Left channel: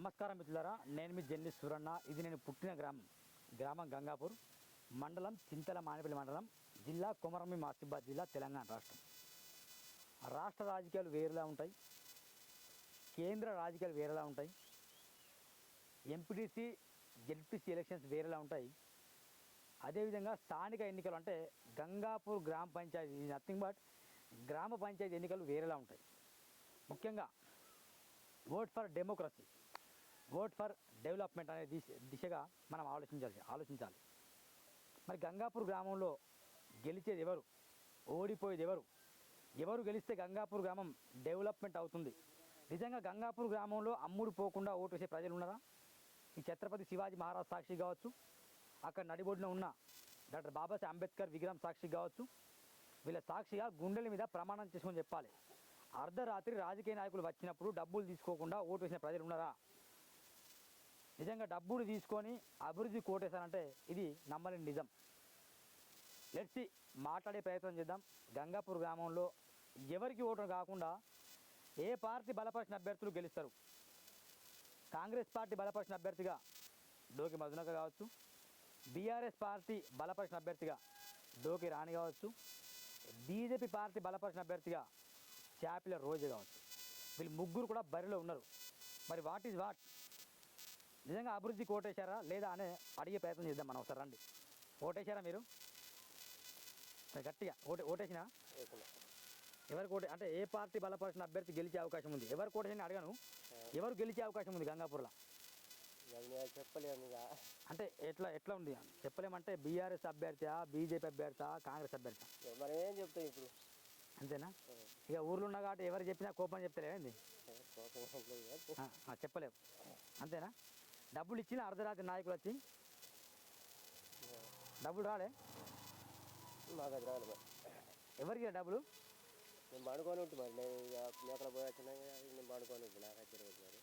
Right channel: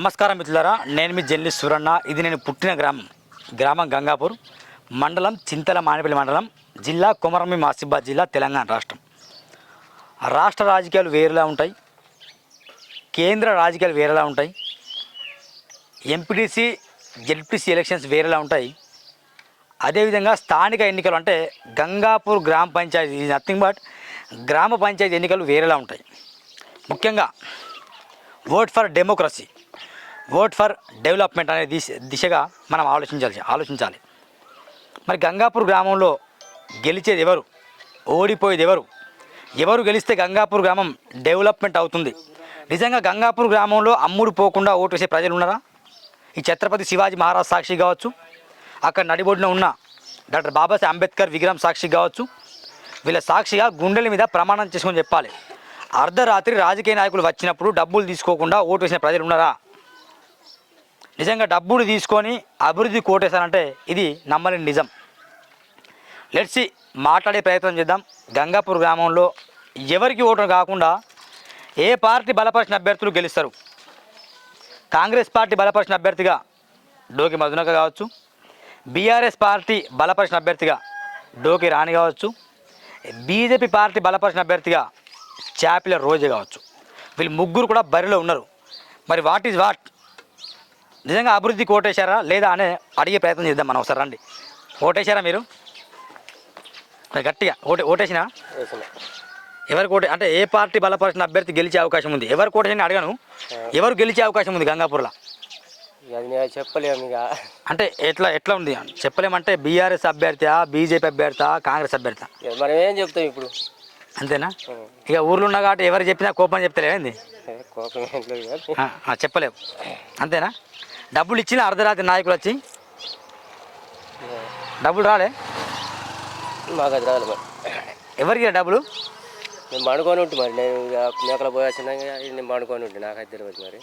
నమస్కారం మిత్రులారా, నేను మీ జర్నలిస్ట్ సూరన్న. ఇది నేను పుట్టిన గ్రామం గంగాపూర్ మండలం, చింతల మానేపల్లి మండలం, జిల్లా కొమరంభీం ఆసిఫాబాద్ జిల్లా, తెలంగాణ రాష్ట్రం. రాష్ట్ర రాజకీయాలు వేరేలా ఉంటాయి, కేంద్ర రాజకీయాలు వేరేలా ఉంటాయి, ఎంపీటీసీ జెడ్పీసీ ఎలక్షన్స్ వేరేలా ఉంటాయి. అదేవిధంగా స్థానిక ఎన్నికలు అంటే గంగాపూర్ గ్రామ పంచాయతీ ఇది నథింగ్ బట్ గ్రామ పంచాయతీ ఎన్నికలు వేరేలా ఉంటాయి. ముఖ్యంగా vote for democracy, vote for development అనే దిశగా మనం ఆలోచించాలి. మరి గంగాపూర్ గ్రామంలో గెలిచేది ఎవరు, ఓడిపోయేది ఎవరు, ఎవరు గెలిస్తే గంగాపూర్ గ్రామం డెవలప్మెంట్ అవుతుంది? నిజంగా గంగాపూర్ గ్రామంలో అమ్ముడు పోకుండా ఓటు వేసే ప్రజలు ఉన్నారా? ఈ ఛత్రపతి శివాజీ మహారాజ్ సాక్షి కావచ్చు, అక్కడ నడిబొడ్డున ఉన్న డాక్టర్ బాబాసాహెబ్ అంబేద్కర్ విగ్రహం సాక్షి కావచ్చు, వీళ్ళ సాక్షిగా గుండెల మీద ప్రమాణం చేసుకొని చెప్పాలి. అర్ధరాత్రి రాజకీయ నాయకులు వచ్చినప్పుడు డబ్బులు తీసుకోకుండా ఓటు వేసిన ప్రజలు ఉన్నారా? నిజంగా డబ్బులు తీసుకొని అభివృద్ధి కోటేశారంటే ఇది నమ్మలేని నిజం. లెట్స్ మాట్లాడే ప్రయత్నం చేద్దాం. గంగాపూర్ గ్రామంలో ఎవరికి ఓటు కాకుండా ఏ పార్టీ బలపరిచిన అభ్యర్థులు గెలుస్తారు? కాంగ్రెస్ పార్టీ బలపరిచిన అభ్యర్థిగా డోకి మధునక కావచ్చు, బీఆర్ఎస్ పార్టీ బలపరిచిన అభ్యర్థిగా డోకి రాణి కావచ్చు, బీజేపీ పార్టీ బలపరిచిన అభ్యర్థిగా చాపిల రోజే కావచ్చు. వీళ్ళు ముగ్గురు కూడా బరిలో ఉన్నారు. మరి వాట్ ఈజ్ వాట్? నిజంగా అభివృద్ధి కోటేశారా లేదా అనే అడిగే ప్రయత్నం చేద్దాం మనం. ఒకసారి రండి. ఓటేశారా మీరు? గట్టిగా ఓటేసినా? ఎవరికి ఓటే అంటే ఏ పార్టీ బలపరిచిన అభ్యర్థి గెలిచే అవకాశం ఉంది? ఎవరు కోటేసిన అడగను, ఎవరు గెలిచే అవకాశం ఉంది గంగాపూర్లో? చెప్పలేము ఇక. అంటే ఎట్లా ఉంది చెప్పలేమంటే బీఆర్ఎస్ అభ్యర్థి, బీజేపీ అభ్యర్థి, కాంగ్రెస్ అభ్యర్థి? మనం ఏం చెప్తాం ఇప్పుడు, అంతేనా? ఇక ఊర్లో ఉన్నా కాబట్టి ఎవరు చెప్పినా కోపం చెప్తలేంది, చెప్పలేవు, అంతేనా? డబ్బులు ఇచ్చిన అర్ధరాత్రి నాయకులు వచ్చి డబ్బులు రాలే మాకు అది రాదు. మరి ఎవరికి డబ్బులు? నేను పండుకొని ఉంటే మరి నేను మేకల పోయి వచ్చినా నేను పండుకొని ఉంటే నాకు అది తెలియదు. మరి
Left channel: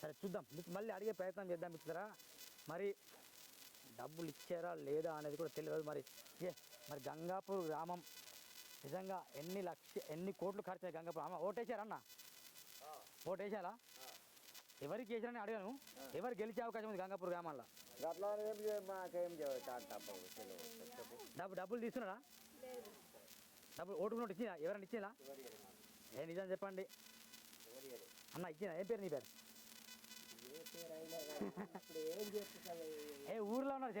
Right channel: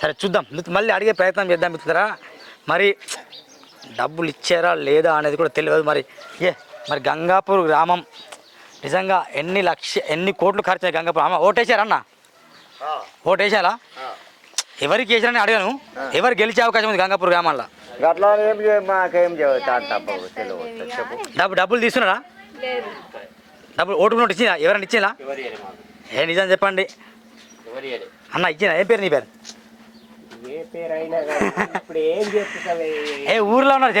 సరే చూద్దాం, మళ్ళీ అడిగే ప్రయత్నం చేద్దాం మిత్రులారా. మరి డబ్బులు ఇచ్చారా లేదా అనేది కూడా తెలియదు. మరి గంగాపూర్ గ్రామం నిజంగా ఎన్ని కోట్లు ఖర్చు అయ్యాయి గంగాపూర్? ఓటేశారన్న? ఓటేశారా? ఎవరికి వేసారని అడిగాను. ఎవరు గెలిచే అవకాశం ఉంది గంగాపూర్ గ్రామంలో? డబ్బులు తీసుకున్నారా? డబ్బులు ఓటు నోటు ఇచ్చినా? ఎవరైనా ఇచ్చినా? నిజం చెప్పండి అన్న, ఇచ్చినా? ఏం పేరు నీ పేరు? ఊర్లో ఉన్నారు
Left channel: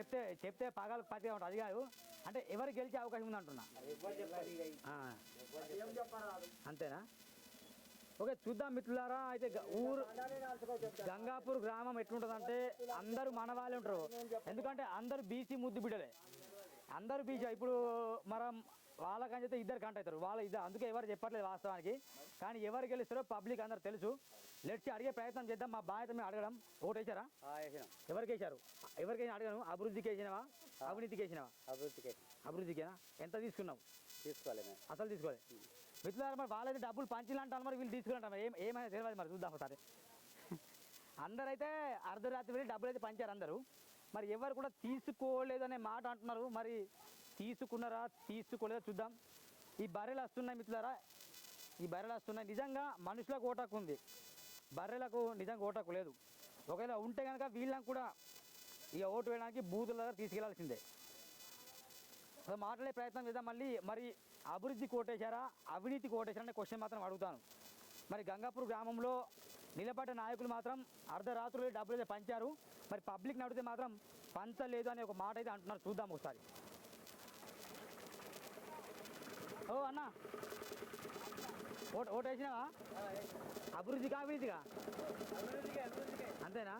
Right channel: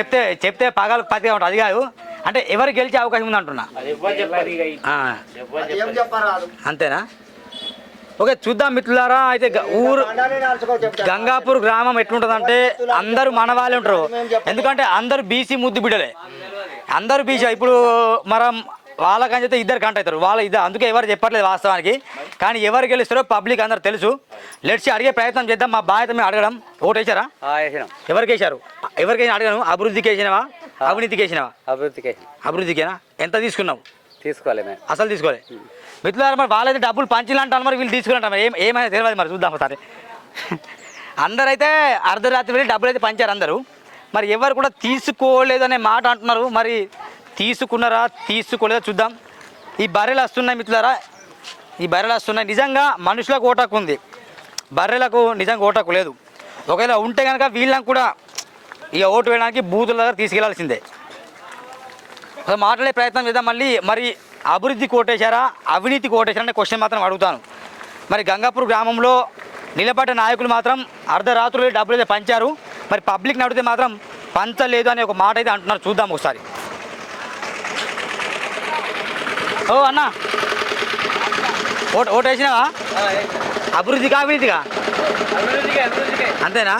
చెప్తే పగలు పతిగా ఉంటుంది. అది కాదు అంటే ఎవరు గెలిచే అవకాశం ఉంది అంటున్నా. అంతేనా? ఓకే చూద్దాం మిత్రులారా. అయితే గంగాపూర్ గ్రామం ఎట్లుంటుందంటే అందరూ మన వాళ్ళే ఉంటారు. ఎందుకంటే అందరూ బీసీ ముద్దు బిడ్డలే, అందరూ బీసీ. ఇప్పుడు మనం వాళ్ళకని చెప్తే ఇద్దరు కంట అవుతారు, అందుకే ఎవరు చెప్పట్లేదు వాస్తవానికి. కానీ ఎవరు గెలుస్తారో పబ్లిక్ అందరు తెలుసు. లెట్స్ అడిగే ప్రయత్నం చేద్దాం. మా బాధ్యత మేము అడగడం. ఓటు వేసారా? ఎవరికి వేసారు? ఎవరికైనా అడగను. అభివృద్ధికి వేసినావా, అవినీతికి వేసినావా? అభివృద్ధికేనా? ఎంత తీసుకున్నావు? తీసుకోవాలి, అసలు తీసుకోవాలి. మిత్రులారా, మరి వాళ్ళైతే డబ్బులు పంచిలంటారు, మరి వీళ్ళు తీసుకురంటారు. ఏమైనా తెలియదు. మరి చూద్దాం ఒకసారి. అందరైతే అర్ధరాత్రి వెళ్ళి డబ్బులు అయితే పంచారు అందరూ. మరి ఎవరు కూడా తీసుకోలేదు అనే మాట అంటున్నారు. మరి తీసుకున్నారా తీసుకోలేదా చూద్దాం. ఈ బర్రెలు వస్తున్నాయి మిత్రులారా, ఈ బర్రెలు వస్తున్నాయి. నిజంగా మనుషులకు ఓటాకు ఉంది, బర్రెలకు నిజంగా ఓటాకు లేదు. ఒకవేళ ఉంటే కనుక వీళ్ళని కూడా ఇక ఓటు వేయడానికి బూతుల దగ్గర తీసుకెళ్లాల్సిందే. మాట్లాడే ప్రయత్నం చేద్దాం. మరి అభివృద్ధి కోటేశారా, అవినీతి కోటేశారా అనే క్వశ్చన్ మాత్రం అడుగుతాను. మరి గంగాపూర్ గ్రామంలో నిలబడ్డ నాయకులు మాత్రం అర్ధరాత్రులు డబ్బులు అయితే పంచారు. మరి పబ్లిక్ని అడిగితే మాత్రం పంచలేదు అనే ఒక మాట అయితే అంటున్నారు. చూద్దాం ఒకసారి. ఓ అన్న, ఓటు వేసినావా? అభివృద్ధిగా అవినీతిగా? అంతేనా?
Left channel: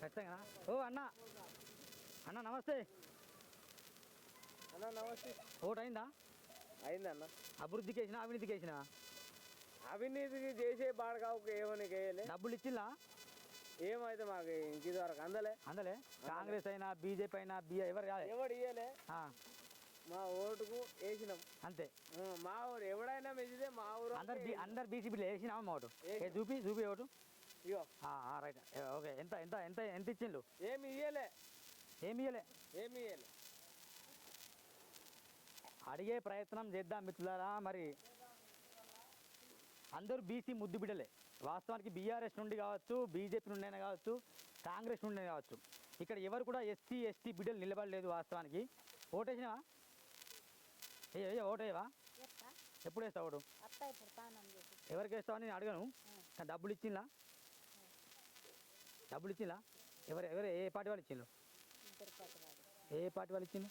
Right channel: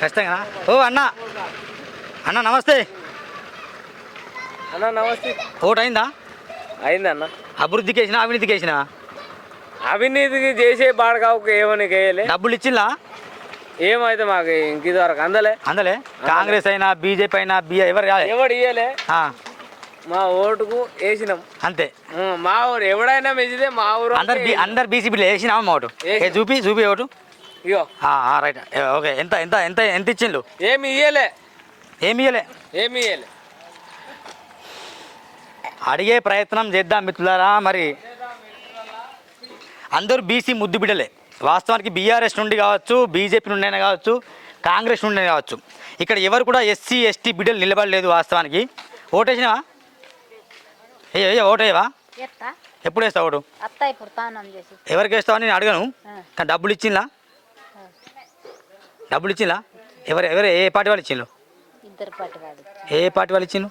ఖచ్చితంగా. ఓ అన్న నమస్తే. అన్న నమస్తే. ఓటు అయిందా? అయింది అన్న. అభివృద్ధికి వేసినా అవినీతికి వేసినా? అవినీతికి చేసే బాడకావుకు ఏమని వేయలే. డబ్బులు ఇచ్చిలా? ఏమైతే మాకు ఇంక ఇదివరకు అందలే. కాంగ్రెస్ అయినా బీజేపీ అయినా ఎవరు ఇయ్యలే. మా ఓటుకు వేసినాం అంతే. మా ఊరు ఎవడైనా మెచ్చితే మా ఊరు అందరు బీసీపీలు వేసినామా? మా ఓటు చూపి ఓటు. ఇగో రైట్. ఓకే. ఎంత ఇచ్చిండ్రు? ఏమి ఇయ్యలే. అడిగే ప్రయత్నం చేద్దాం మిత్రులారా. మరి అందరూ బీసీ ముద్దు బిడ్డలే, వాస్తవానికి బీఆర్ఎస్ నుండి కావచ్చు, బీజేపీ నుండి అయినా కావచ్చు, కాంగ్రెస్ నుండి అయినా కావచ్చు, ఇక్కడ ఎవరు కూడా ఎస్సీ ఎస్టీ బిడ్డలు నిలబడలేదు. వాస్తవానికి ఓటేసినావా? ఓటేవా? ఎప్పుడు వేస్తావు ఓటు? ఎవరికి వేస్తావు అని నేను అడగను, కానీ డబ్బులు ఇచ్చిందా? డబ్బులు ఇచ్చిందా? ఎవరు ఏ పార్టీ వాళ్ళు ఇచ్చిండ్రు? ఏ పార్టీ వాళ్ళు ఇచ్చిండ్రు?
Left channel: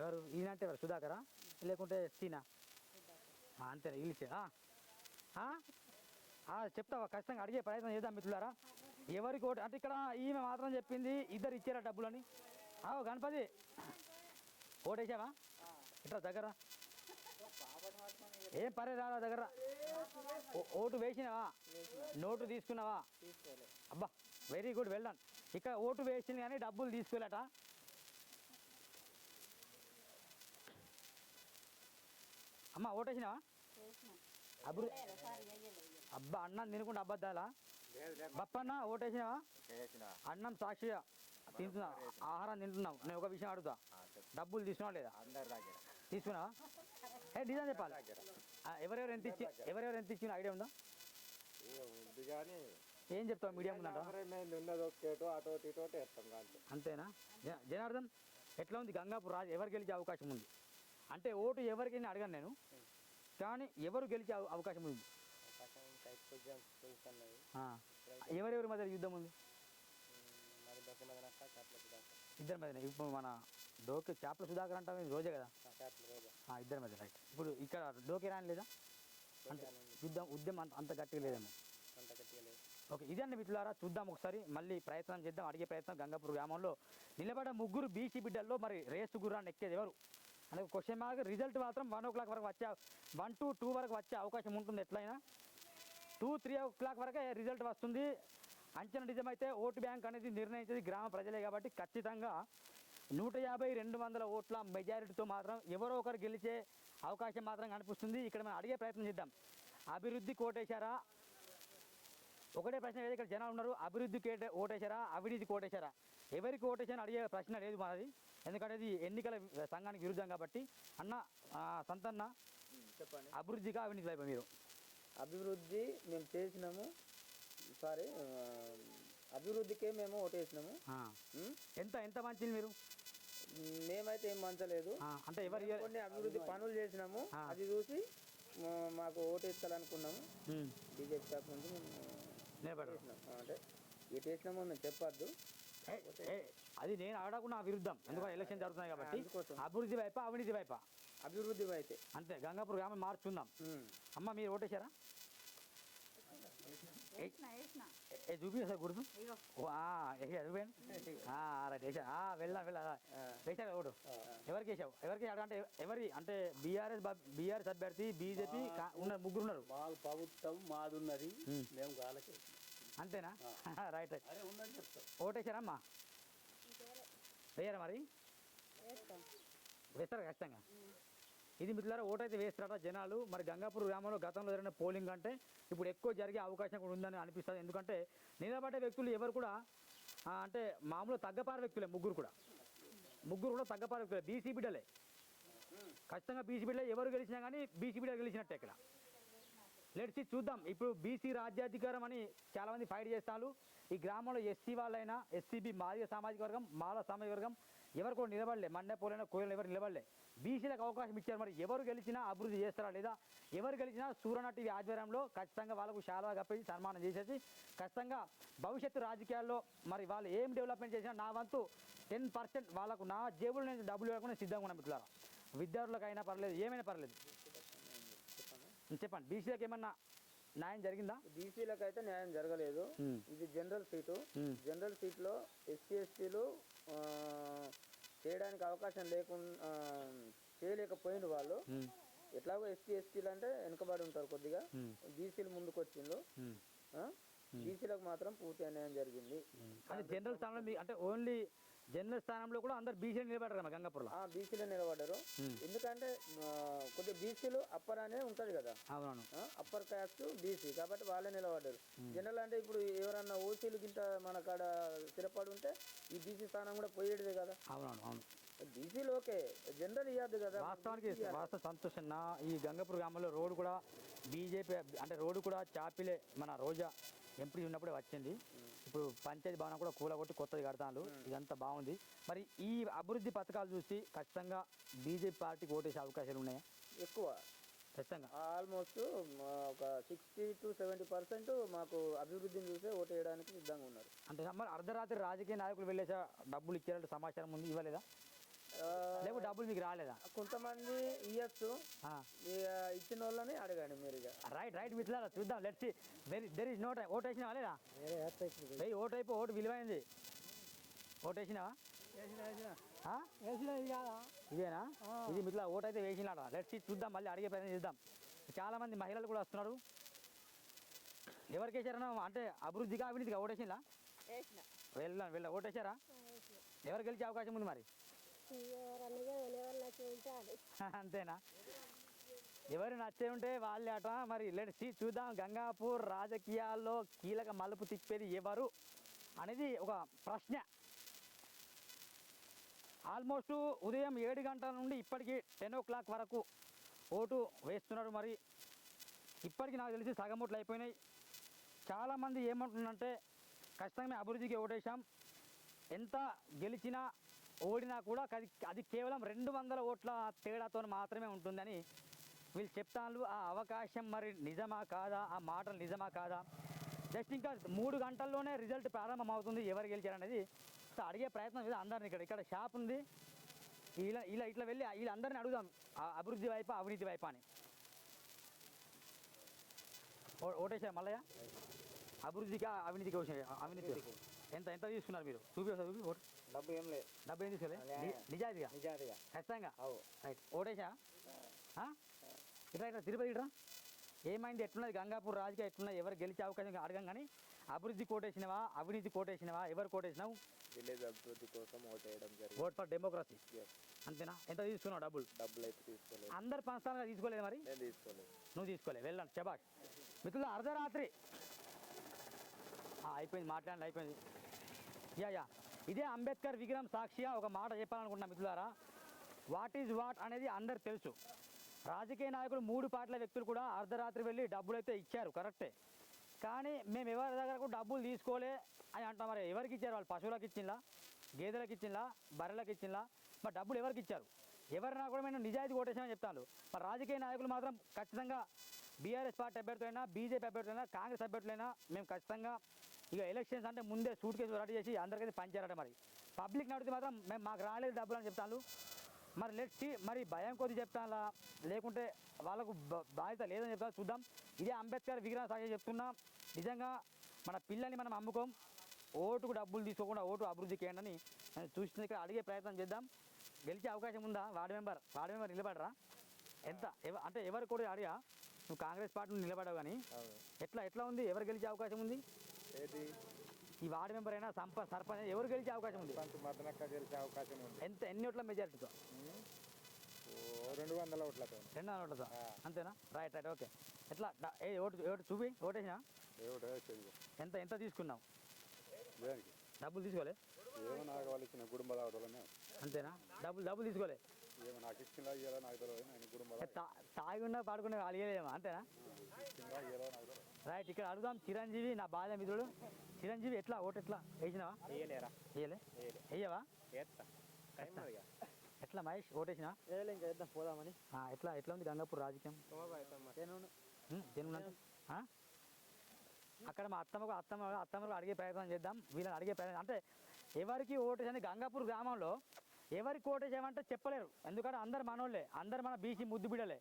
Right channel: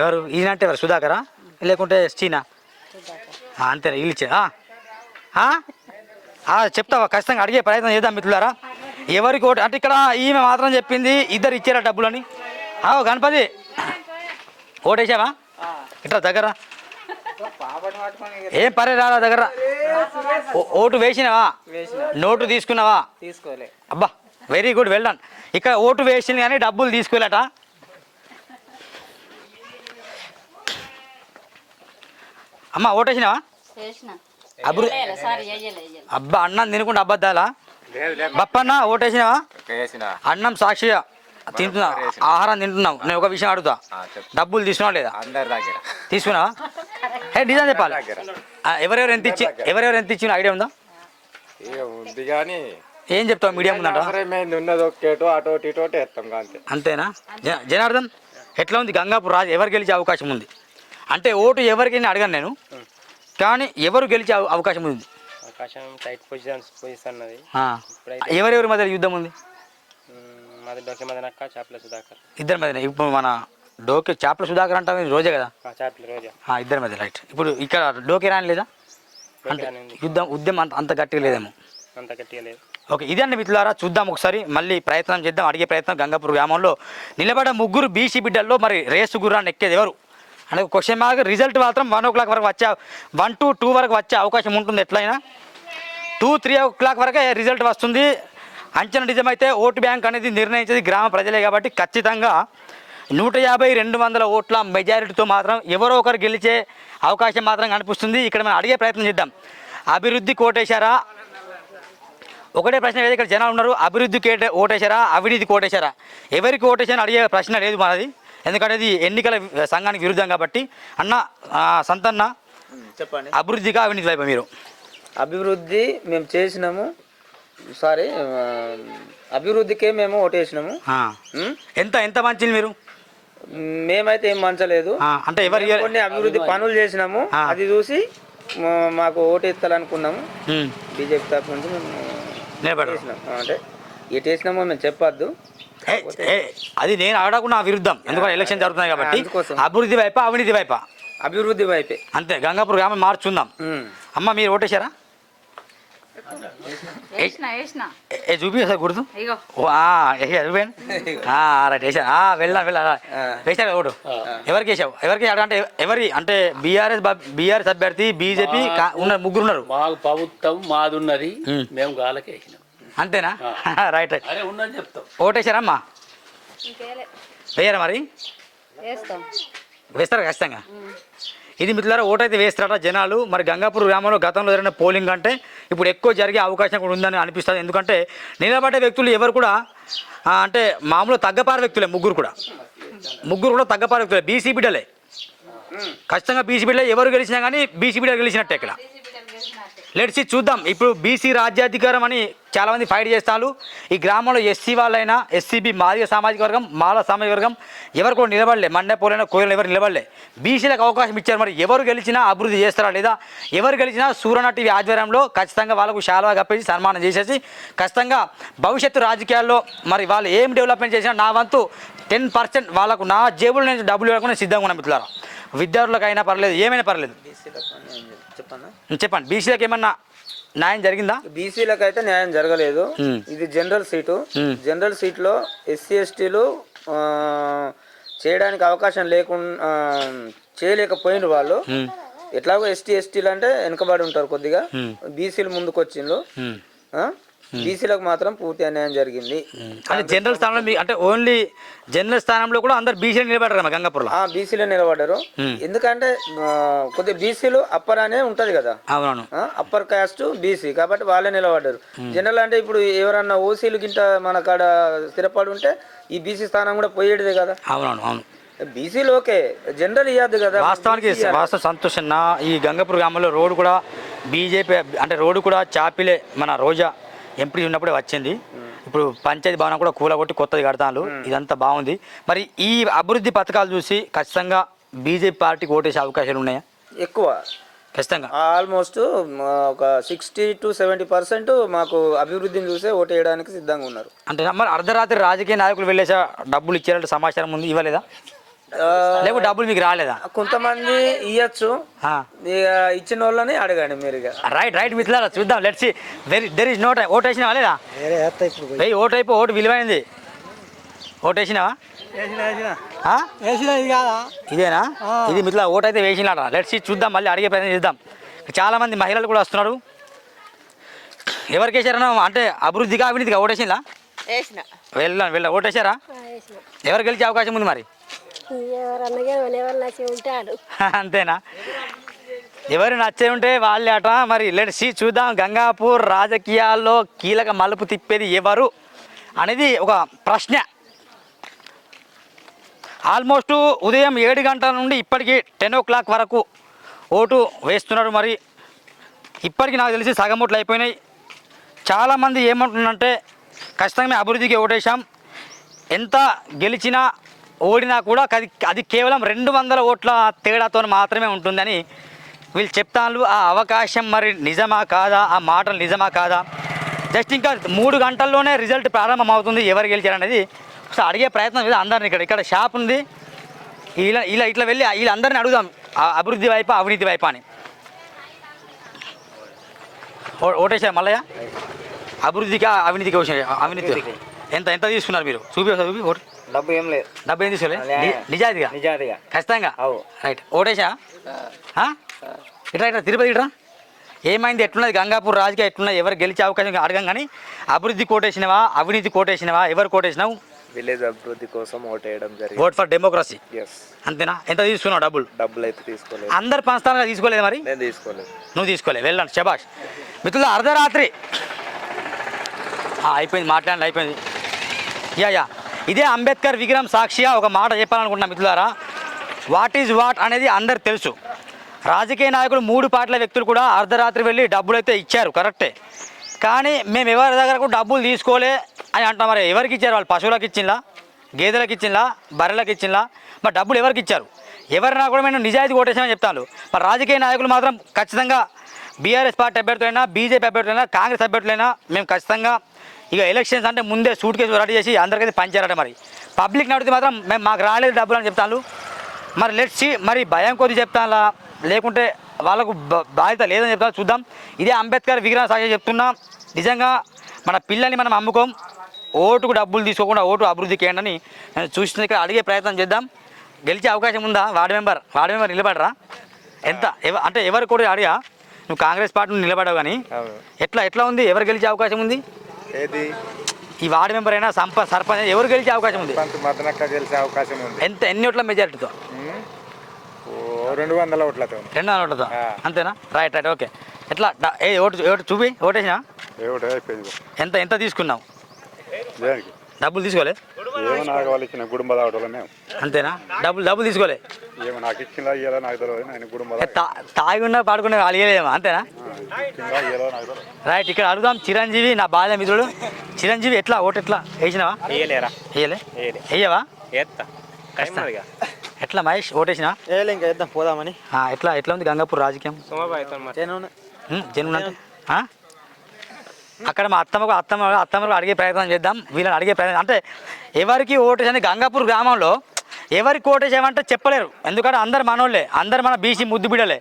ఎవరు ఈయన అంటే ఎవరు? సుధాకరా లేకుంటే చీనా? అంతేనా? వీళ్ళు ఇచ్చారా? చెప్తావా? ఖచ్చితంగా అడిగే ప్రయత్నం చేద్దాం మిత్రులారా. ఎవరికి ఓటు అంటే ఇక్కడ ఈమె మాత్రం చెప్పింది ఇద్దరు ఇచ్చారా డబ్బులని. గణపతి ఓటేసావా? ఇట్లా దగ్గర ఏం పరే రాలా దగ్గర. ఓటు వేసినావా? నోటు తీసుకున్నావా? తీసుకోలే. అబ్బా వెరీ గుడ్, వెల్ డన్. ఇక్కడ ఓటు వేసింది కానీ డబ్బులు తీసుకోలేట. అమ్మ ఓటేసినావా? అబ్బా అన్నం తినుకుంటే అబద్ధాలా? బప్పన్న ఓటేసినావా? అన్నం సాక్షిగా తింటున్నావు, ఆహారం తింటున్నావు. నేను ఒక విషయం అడుగుతా, డబ్బులు తీసుకున్నావా లేదా? తీసుకున్నావా? నిజం చెప్పాలి. ఎవరెవరు ఎంత ఇచ్చిన ఐడియా ఉందా? ఏం చెప్తావు మీడియా ముందంట? అంతేనా? జనార్దన్ ఎట్లా ఉంది గంగాపూర్ రాజు? ఎవరు గెలిచే అవకాశం ఉంది? అంటే ఓటు ఎవరికి అడగాను నేను, కానీ ఎవరు గెలిచే అవకాశం ఉంది? ఎవరెవరి మధ్య యుద్ధం ఉంది? ఇద్దరి మధ్య. ఇప్పుడు మన డోకే చేపల సుధాకర్ అంటే రోజే కదా, ఇద్దరి మధ్య. రైట్. ఇప్పుడు ఇక్కడ డోకే రాని లేదా అంటే ఉద్యమం అంత గట్టిగా లేదేమో. ఓకే, ఇదే అండి మిత్రులారా. చూద్దాం ఒకసారి, మళ్ళీ ప్రయత్నం చేద్దాం, అడిగే ప్రయత్నం. గంగాపూర్ గ్రామంలో నిలబడ్డ ముగ్గురు బీసీ బిడ్డల్లో మరి రేసు గుర్రాన్ని ఎక్కేది ఎవరు అంటే క్వశ్చన్ మార్క్. రిజల్ట్ మాత్రం 1 o'clock వరకు 1 to 2 వరకు వచ్చే అవకాశం ఉంటుంది. ఎట్లయినా 2-3 o'clock వరకే రిజల్ట్ వస్తుంది. అంచనా నిజమైతే ఓటు బ్యాంక్ అనేది నిర్ణయించేది గ్రామ ప్రజలే కాబట్టి ఖచ్చితంగా 150-200 ఓట్ల మెజారిటీతో మాత్రం ఎవరో ఒకరు గెలిచే అవకాశం మాత్రం కనిపిస్తుంది. ఇక్కడ మనం అడిగే ప్రయత్నం చేద్దాం. అభివృద్ధి కోటేశారా? ఒకటే ప్రశ్న లేదు, ఇక్కడ జనాలు ఉన్నారు. అభివృద్ధికి ఓటేశారా, అవినీతికి ఓటేశారా? ఎవరికి ఓటేశారని అడిగే ప్రశ్న లేదు మనది, ఎందుకంటే ఇది ఎన్నికల సంఘానికి విరుద్ధం కాబట్టి. అన్న సంతన్న చెప్పండి, అభివృద్ధిగా అవినీతి వైపు మీరు? అభివృద్ధి మేము చేసినాము. సారీ, అభివృద్ధికే మేము ఓటేసినాము. ఎంత మంచిది మీరు? మేమైతే ఏం మంచలేదు. అంటే ఎవరు కొన్ని అభివృద్ధి పనులు చేసినాము, అది చూసి మాకు ఓటు ఎత్తాలనుకున్నాము. బీజేపీ తరఫు నుంచి మేము నిలబడేసినాం. అంటే ఎటు వేసినామో మేము చెప్పొద్దు, అది నేను అడగకుండా విరుద్ధం, ఎందుకంటే ఎలక్షన్ జరుగుతున్నాయి కాబట్టి. అభివృద్ధి వైపా అవినీతి వైపా? అభివృద్ధి వైపే. అంతే. గంగాపూర్ గ్రామం మార్చుకుందాం. అమ్మ మీరు ఓటేశారా? చూపి సార్ గుర్తు. రైట్ వేసా. వెళ్ళా వేసారు ఓటు. ఎవరికి వేసావు? ఎవరికి అంటే ఎవరి అంటే బీఆర్ఎస్ అభ్యర్థి, బీజేపీ ఉన్నారు, ముగ్గురు ఉన్నారు. మాకు ప్రభుత్వం మాది ఉన్నది, మేము గాలకి వేసినాం. అంతేనా? Right right. ఉన్నది చెప్తాం. ఓటేశారమ్మా? వేయరా? మరి వేస్తారా ఖచ్చితంగా? ఇది మిత్రులారా, ఓటైతే వేస్తారట జనాలు. మరి గంగాపూర్ గ్రామంలో గతంలో జరిగిన పోలింగ్ అంటే ఇప్పుడు ఎక్కువ జరిగే అవకాశం కూడా ఉందని అనిపిస్తుంది. ఎందుకంటే నిలబడ్డ వ్యక్తులు ఎవరు కూడా అంటే మామూలు తగ్గపార వ్యక్తులే, ముగ్గురు కూడా తగ్గపార వ్యక్తులే, బీసీ బిడ్డలే. ఖచ్చితంగా బీసీ బిడ్డలే. ఎవరు గెలిచినా కానీ బీసీ బిడ్డలు గెలిచినట్టే. ఇక్కడ లెట్స్ చూద్దాం. ఇప్పుడు బీసీ రాజ్యాధికారం అని చాలామంది ఫైట్ చేస్తారు. ఈ గ్రామంలో ఎస్సీ వాళ్ళైనా, ఎస్సీబీ మాదిగ సామాజిక వర్గం, మాల సామాజిక వర్గం ఎవరు కూడా నిలబడలే. మండపోలైనా కోయలు ఎవరు నిలబడలే. బీసీలకు అవకాశం ఇచ్చారు. మరి ఎవరు గెలిచినా అభివృద్ధి చేస్తారా లేదా? ఎవరు గెలిచినా సూరణ టీవీ ఆధ్వర్యంలో ఖచ్చితంగా వాళ్ళకు శాలువా కప్పేసి సన్మానం చేసేసి ఖచ్చితంగా భవిష్యత్తు రాజకీయాల్లో మరి వాళ్ళు ఏం డెవలప్మెంట్ చేసినా నా వంతు 10% వాళ్ళకు నా జేబులో నుంచి డబ్బులు ఇవ్వకుండా సిద్ధంగా ఉన్నాం మిత్రులారా. విద్యార్థులకైనా పర్లేదు, ఏమైనా పర్లేదు. చెప్పండి, బీసీలకు ఏమన్నా న్యాయం జరిగిందా? బీసీలకు అయితే న్యాయం జరగలేదు. ఇది జనరల్ సీటు. జనరల్ సీట్లో ఎస్సీ ఎస్టీలు చేయడానికి అవకాశం లేకుండా చేయలేకపోయిన వాళ్ళు. ఎట్లాగో ఎస్టీ ఎస్టీలు అంటే వెనుకబడి ఉంటారు కొద్దిగా. బీసీలు ముందుకు వచ్చిండ్రు. బీసీలకు మాత్రం పూర్తి అన్యాయం జరిగింది. అంటే జనరల్ స్థానంలో అంటే ఓన్లీ జనరల్ స్థానంలో కూడా అందరు బీసీలు నిలబడ్డారు గంగాపూర్లో. బీసీలో నిలబడ్డారు. ఎందుకంటే కొద్దిగా బీసీలు అప్పర్ అనే ఉంటది కదా. అవునవును. అప్పర్ కాస్ట్ బీసీ కాబట్టి వాళ్ళే నిలబడ్డారు. జనరల్ అంటే ఇప్పుడు ఎవరన్నా ఓసీలు గింట మన కాడ స్థిరపడి ఉంటే ఈ బీసీ స్థానం కూడా పోయేటిదే కదా. అవునవును అవును. బీసీలు ఓకే, జనరల్ ఇవ్వద్దు కదా. వాస్తవానికి వాస్తవ సంతోషన్న ఈ గంగపూర్ గ్రామంలో రోడ్డు కూడా బీజేపీ అంటే రోడ్డు కూడా చాపిలే మన రోజా ఎంపీ ఉన్నప్పుడే వచ్చింది. ఇప్పుడు పంచాయతీ భవనం కూడా కూలగొట్టి కొత్తది కడతాను. ఇదంతా బాగుంది. మరి ఈ అభివృద్ధి పథకాలు చూసి ఖచ్చితంగా బీజేపీ పార్టీకి ఓటేసే అవకాశాలు ఉన్నాయా? ఎక్కువ, ఖచ్చితంగా ఆల్మోస్ట్ ఒక 60 to 70% మాకు అభివృద్ధిని చూసే ఓటు వేయడానికి సిద్ధంగా ఉన్నారు. అంటే మరి అర్ధరాత్రి రాజకీయ నాయకులు వెళ్ళేసా డబ్బులు ఇచ్చారంటే సమాచారం ఉంది, ఇవ్వలేదా? లేకపోతే డబ్బులు మీకు రాలేదా? కొంతమంది ఇవ్వచ్చు, ఇక ఇచ్చిన వాళ్ళని అడగండి మీరు. రైట్ మిత్రులారా, చూద్దాం. Let's see. There is no time. Vote వేసినావా లేదా? ఓటు అయిపో, ఓటు విలువైంది. ఓటు వేసినావా? ఇదేనా? ఇది మిత్రుల ఓటు అయితే వేసినాడ. లెట్స్ సీ, చూద్దాం. మళ్ళీ అడిగే ప్రయత్నం చేద్దాం. చాలామంది మహిళలు కూడా వస్తున్నారు. ఎవరికి వేసారన్నా? అంటే అభివృద్ధిగా అవినీతిగా ఓటేసిందా? వెళ్ళ ఓటేసారా? ఎవరు గెలిచే అవకాశం ఉంది మరి? అంతేనా? ఎవరు నచ్చే ఉంటే వాళ్ళే అట. మరి లెట్స్ సీ, చూద్దాం. గంగాపూర్ రాజకీయాల్లో కీలక మలుపు తిప్పేది ఎవరు అనేది ఒక ప్రశ్న. ఆల్మోస్ట్ ఉదయం 7 గంటల నుండి ఇప్పటికీ 10 o'clock వరకు ఓటు వేస్తున్నారు. మరి ఇప్పటికి నాకు తెలిసి సగం ఓట్లు అయిపోయినాయి. చాలామంది ఏమంటున్నారంటే ఖచ్చితంగా మేము అభివృద్ధికి ఓటేసాం, ఎంత గెలిచినా ఓడినా కూడా అది కేవలం 200 ఓట్ల తేడాతో మాత్రమే ఉంటుందని వీళ్ళు చెప్తాను. ఆ అవకాశం మరి నిజమా కాదా? ఆ మాటలు నిజమా కాదా? జస్ట్ ఇంకా 3 గంటల్లోనే రిజల్ట్ ప్రారంభం అవుతుంది. ఎవరు గెలిచారనేది ఒకసారి అడిగే ప్రయత్నం మీద అందరిని ఇక్కడ షాప్ ఉంది, ఇట్లా వెళ్ళి వీళ్ళందరినీ అడుగుదాం, అభివృద్ధి వైపా అవినీతి వైపా అని. ఓటేసారు మల్లయ్య? అభివృద్ధికి అవినీతికి అవినీతి ఎంత తీసుకున్నారు మీరు? చూపి ఓటు. డబ్బు ఏం లేదు. డబ్బు ఏం తీసుకోలేదు? నిజాయితీగా ఖచ్చితంగా. రైట్. ఓటేసా? ఇట్లా తిరుపతి ఇట్రా. ఏమైంది? ఎట్లున్నది గంగాపూర్ రాజకీయ ఎట్లున్నది? ఎవరు గెలిచే అవకాశం అడగం కానీ అభివృద్ధి కోటేసినవా అవినీతి కోటేసినవా? ఎవరు కోటేసినావు? విలేజ్ అభివృద్ధి కోసం ఓట్ వేయడం జరిగింది. Vote for democracy. అంతేనా? ఎంత తీసుకున్నావు డబ్బులు అయితే తీసుకోలేదు. అందరు పంచుతానుగా తీసుకోలేదు మరి? నేను తీసుకోలేదు. నువ్వు తీసుకోలేదు. వెళ్ళండి, శబాష్. మిత్రులు అర్ధరాత్రి అయిపోయింది, మాట్లాడండి, అయిపోయింది. యా ఇదే అంబేద్కర్ విగ్రహం సాక్షిగా ఒక మాట చెప్పాలనుకుంటున్నా మిత్రులారా. వాట్ ఈజ్ వాట్ అనేది అందరికి తెలుసు. రాజకీయ నాయకులు 3 పార్టీల వ్యక్తులు కూడా అర్ధరాత్రి వెళ్ళి డబ్బులు అయితే ఇచ్చారు, కరెక్టే. కానీ మేము ఎవరి దగ్గర కూడా డబ్బులు తీసుకోలే అని అంటాం. మరి ఎవరికి ఇచ్చారు? వాళ్ళు పశువులకు ఇచ్చిందా, గేదెలకు ఇచ్చిందా, బర్రెలకు ఇచ్చిందా? మరి డబ్బులు ఎవరికి ఇచ్చారు? ఎవరైనా కూడా మేము నిజాయితీ కొట్టేసామని చెప్తాను. మరి రాజకీయ నాయకులు మాత్రం ఖచ్చితంగా బీఆర్ఎస్ పార్టీ అభ్యర్థులైనా, బీజేపీ అభ్యర్థులైనా, కాంగ్రెస్ అభ్యర్థులైనా మేము ఖచ్చితంగా ఇక ఎలక్షన్స్ అంటే ముందే సూట్ కేసు రెడీ చేసి అందరికైతే పంచారట. మరి పబ్లిక్ నడితే మాత్రం మేము మాకు రాలేదు డబ్బులు అని చెప్తాను. మరి లెట్స్ సీ, మరి భయం కొద్ది చెప్తాను లేకుంటే వాళ్ళకు బాధ్యత లేదని చెప్తాను. చూద్దాం. ఇదే అంబేద్కర్ విగ్రహం సాక్షి చెప్తున్నా, నిజంగా మన పిల్లల్ని మనం అమ్ముకోం, ఓటుకు డబ్బులు తీసుకోకుండా ఓటు అభివృద్ధికి ఏంటని నేను చూసిన ఇక్కడ అడిగే ప్రయత్నం చేద్దాం. గెలిచే అవకాశం ఉందా? వార్డు మెంబర్ నిలబడరా? ఎంత అంటే ఎవరు కూడా అడిగా? నువ్వు కాంగ్రెస్ పార్టీ నిలబడవు కానీ ఎట్లా ఉంది? ఎవరు గెలిచే అవకాశం ఉంది? ఈ వార్డు మెంబర్ అయినా సర్పంచ్ ఎవరు గెలిచే అవకాశం ఉంది? గెలిచే అవకాశం ఉంది. ఎన్ని ఓట్ల మెజారిటీతో? 200 ఓట్లతో. 200 ఓట్లతో. అంతేనా? రైట్. ఓకే. ఎట్లా ఓటు చూపి ఓటేసినా? ఎంత తీసుకున్నావు? డబ్బులు తీసుకోలే? అంతేనా? డబ్బులు తీసుకోలే? తాగి ఉన్నా పాడుకున్నా అలిగలేమో, అంతేనా? రైట్. ఇక్కడ అడుగుదాం చిరంజీవి, నా బాల్య మిత్రుడు చిరంజీవి. ఎట్లా ఓటు ఎట్లా వేసినావా? వేయవా? ఎట్లా మహేష్ ఓటేసినా? ఇంకా వేద్దాం పోదామని. ఎట్లా ఉంది గంగాపూర్ రాజకీయం? జనం అంటే అక్కడ మా అత్తమ్మకు అడిగే ప్రయత్నం చేద్దాం. వీళ్ళని అడిగే ప్రయత్నం అంటే ఎవరికి ఓటేసని గంగాపూర్ గ్రామంలో ఎవరికి ఓటేసామంటే చెప్పలేరు. ఎందుకంటే అందరు మనోళ్ళే, అందరు మన బీసీ ముద్దు బిడ్డలే.